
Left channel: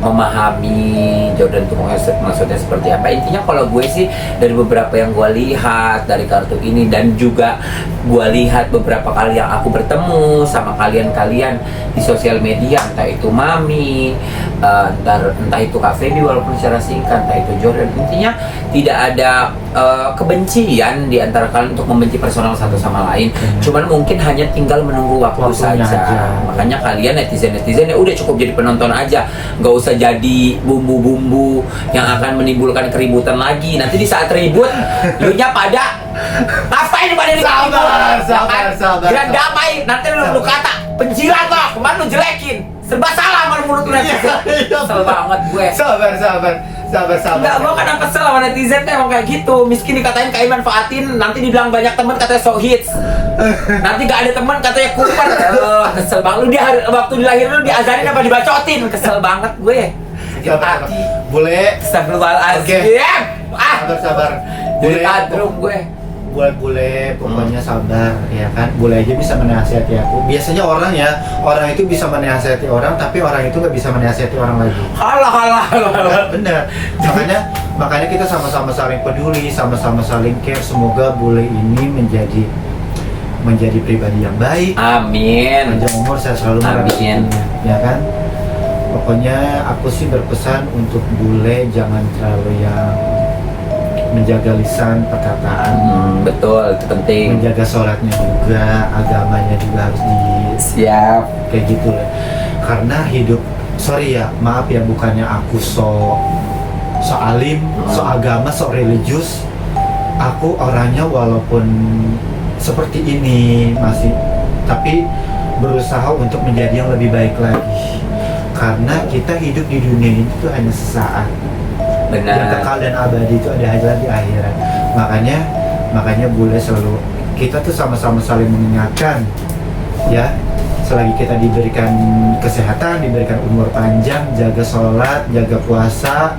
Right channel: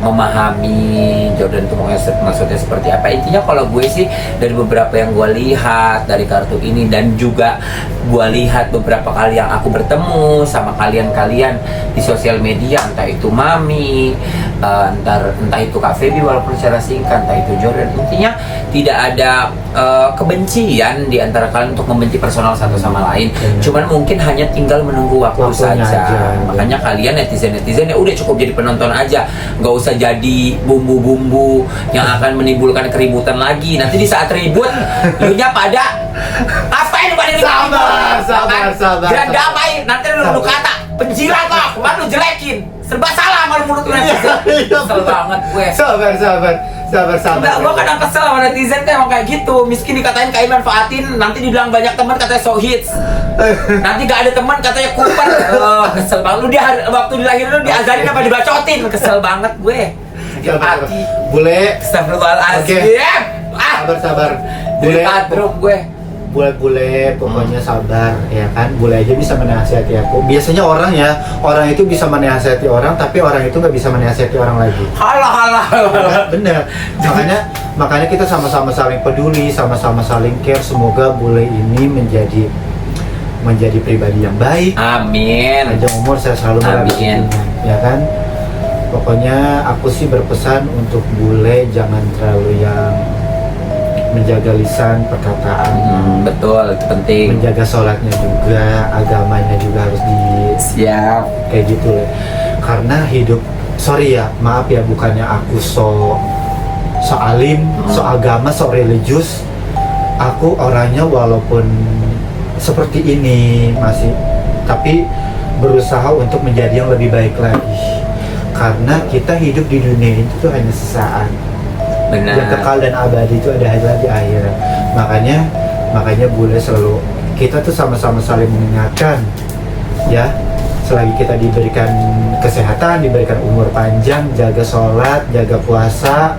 memahami Jordan itu maksudnya seperti apa. Intinya kalau gue sih dari beberapa yang gue lihat dari kartu ini, dan juga gue lihat beberapa kali yang aku bertemu sama kalian-kalian di sosial media, entah itu Mami, entah itu Kak Feby walaupun secara singkat, entah itu Jordan, intinya tidak ada kebencian di antara kalian untuk membenci personal satu sama lain. Cuman mungkin hanya tinggal menunggu waktu saja. Makanya kalian netizen ya udah cukup jadi penonton aja, nggak usah jadi bumbu-bumbu yang akan menimbulkan keributan lagi. Nanti di saat ribut, lu nya pada ngapain pada ribut? Sabar. Biar damai. Nanti lu kata penjilat lo, kemarin lu jelekin, serba salah sama mulut lu netizen. Kesel banget gue. Sabar. Enggak, gue kadang kesel sama netizen tuh emang kayak gitu. Miskin dikatain Kai manfaatin, nanti dibilang banyak teman katanya so hits. Nanti gak ada teman katanya kuper. Kesel banget. Lu dia waktu dilahirin lu diazarin apa dibacotin. Kesel banget gue. Sakit hati. Bule. Astagfirullahaladzim. Sabar. Jadi tadrum gue. Bule, pokoknya sabar ya kan. Bule aja bisa menasihati aku. Biasanya orang itu bisa menasihati orang, tapi orang itu nggak bisa menasihati orang lagi. Halah. Bener. Makanya kita sama-sama saling peduli, sama-sama saling care. Semoga Bule ini menjadi pribadi yang baik. Amin. Panjang umur, saya selalu Amin. Ya kan. Pokoknya aku sih berpesan untuk Bule jangan terlalu yang menjaga lisan perkataan. Betul, itu penting. Menjaga sholatnya juga, agamanya juga harus siap kayak gitu. Karena hidup, sorry ya, maaf ya, bukannya aku so alim, so agama, so religius. Aku orangnya walaupun seperti ini masih, tapi berusaha untuk menjadi yang lebih baik lagi. Karena kita hidup di dunia ini itu hanya sesaat. Benar. Yang kekal dan abadi itu ada lagi akhirat. Makanya Bule selalu, kita tuh sama-sama saling mengingatkan ya, selagi kita diberikan kesehatan, diberikan umur panjang, jaga sholat, jaga puasa,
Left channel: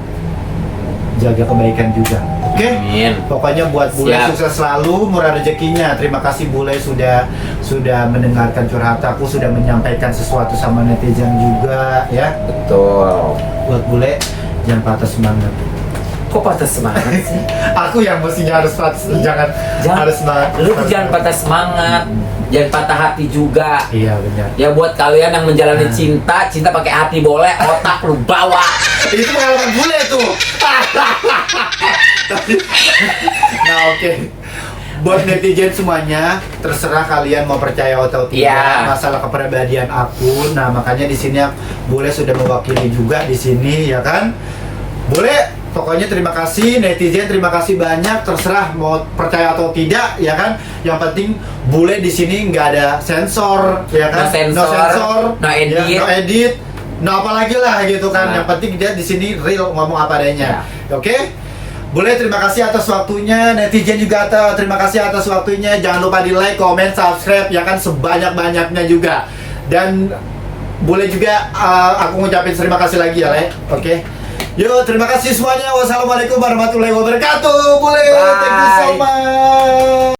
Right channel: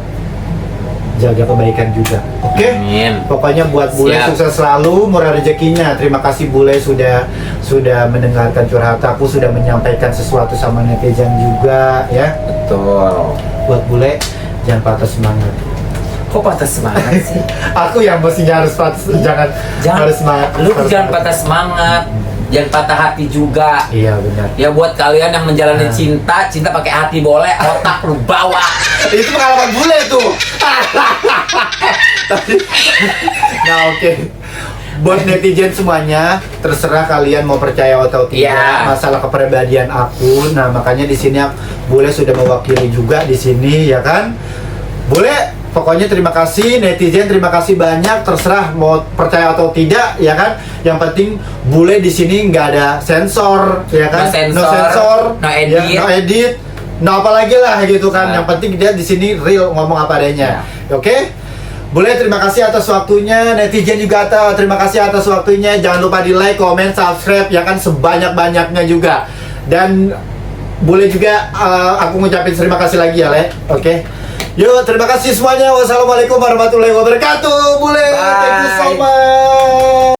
jaga kebaikan juga. Oke? Amin. Pokoknya buat Bule sukses selalu, murah rezekinya. Terima kasih Bule sudah mendengarkan curhat aku, sudah menyampaikan sesuatu sama netizen juga ya. Betul. Buat Bule, jangan patah semangat. Kok patah semangat sih? Aku yang mestinya harus jangan harus semangat. Lu tuh jangan patah semangat, jangan patah hati juga. Iya benar. Ya buat kalian yang menjalani cinta pakai hati boleh, otak lu bawa. Itu pengalaman Bule tuh. Nah oke. Buat netizen semuanya, terserah kalian mau percaya atau tidak masalah kepribadian aku. Nah makanya di sini Bule sudah mewakili juga di sini ya kan. Bule, pokoknya terima kasih netizen, terima kasih banyak. Terserah mau percaya atau tidak ya kan. Yang penting Bule di sini nggak ada sensor ya kan. No sensor, no edit, no apalagi lah gitu kan. Yang penting dia di sini real, ngomong apa adanya. Oke? Boleh, terima kasih atas waktunya. Netizen juga terima kasih atas waktunya. Jangan lupa di like, comment, subscribe ya kan, sebanyak-banyaknya juga. Dan boleh juga aku ngucapin terima kasih lagi ya Le. Oke. Yuk, terima kasih semuanya. Wassalamualaikum warahmatullahi wabarakatuh. Boleh. Thank you so much.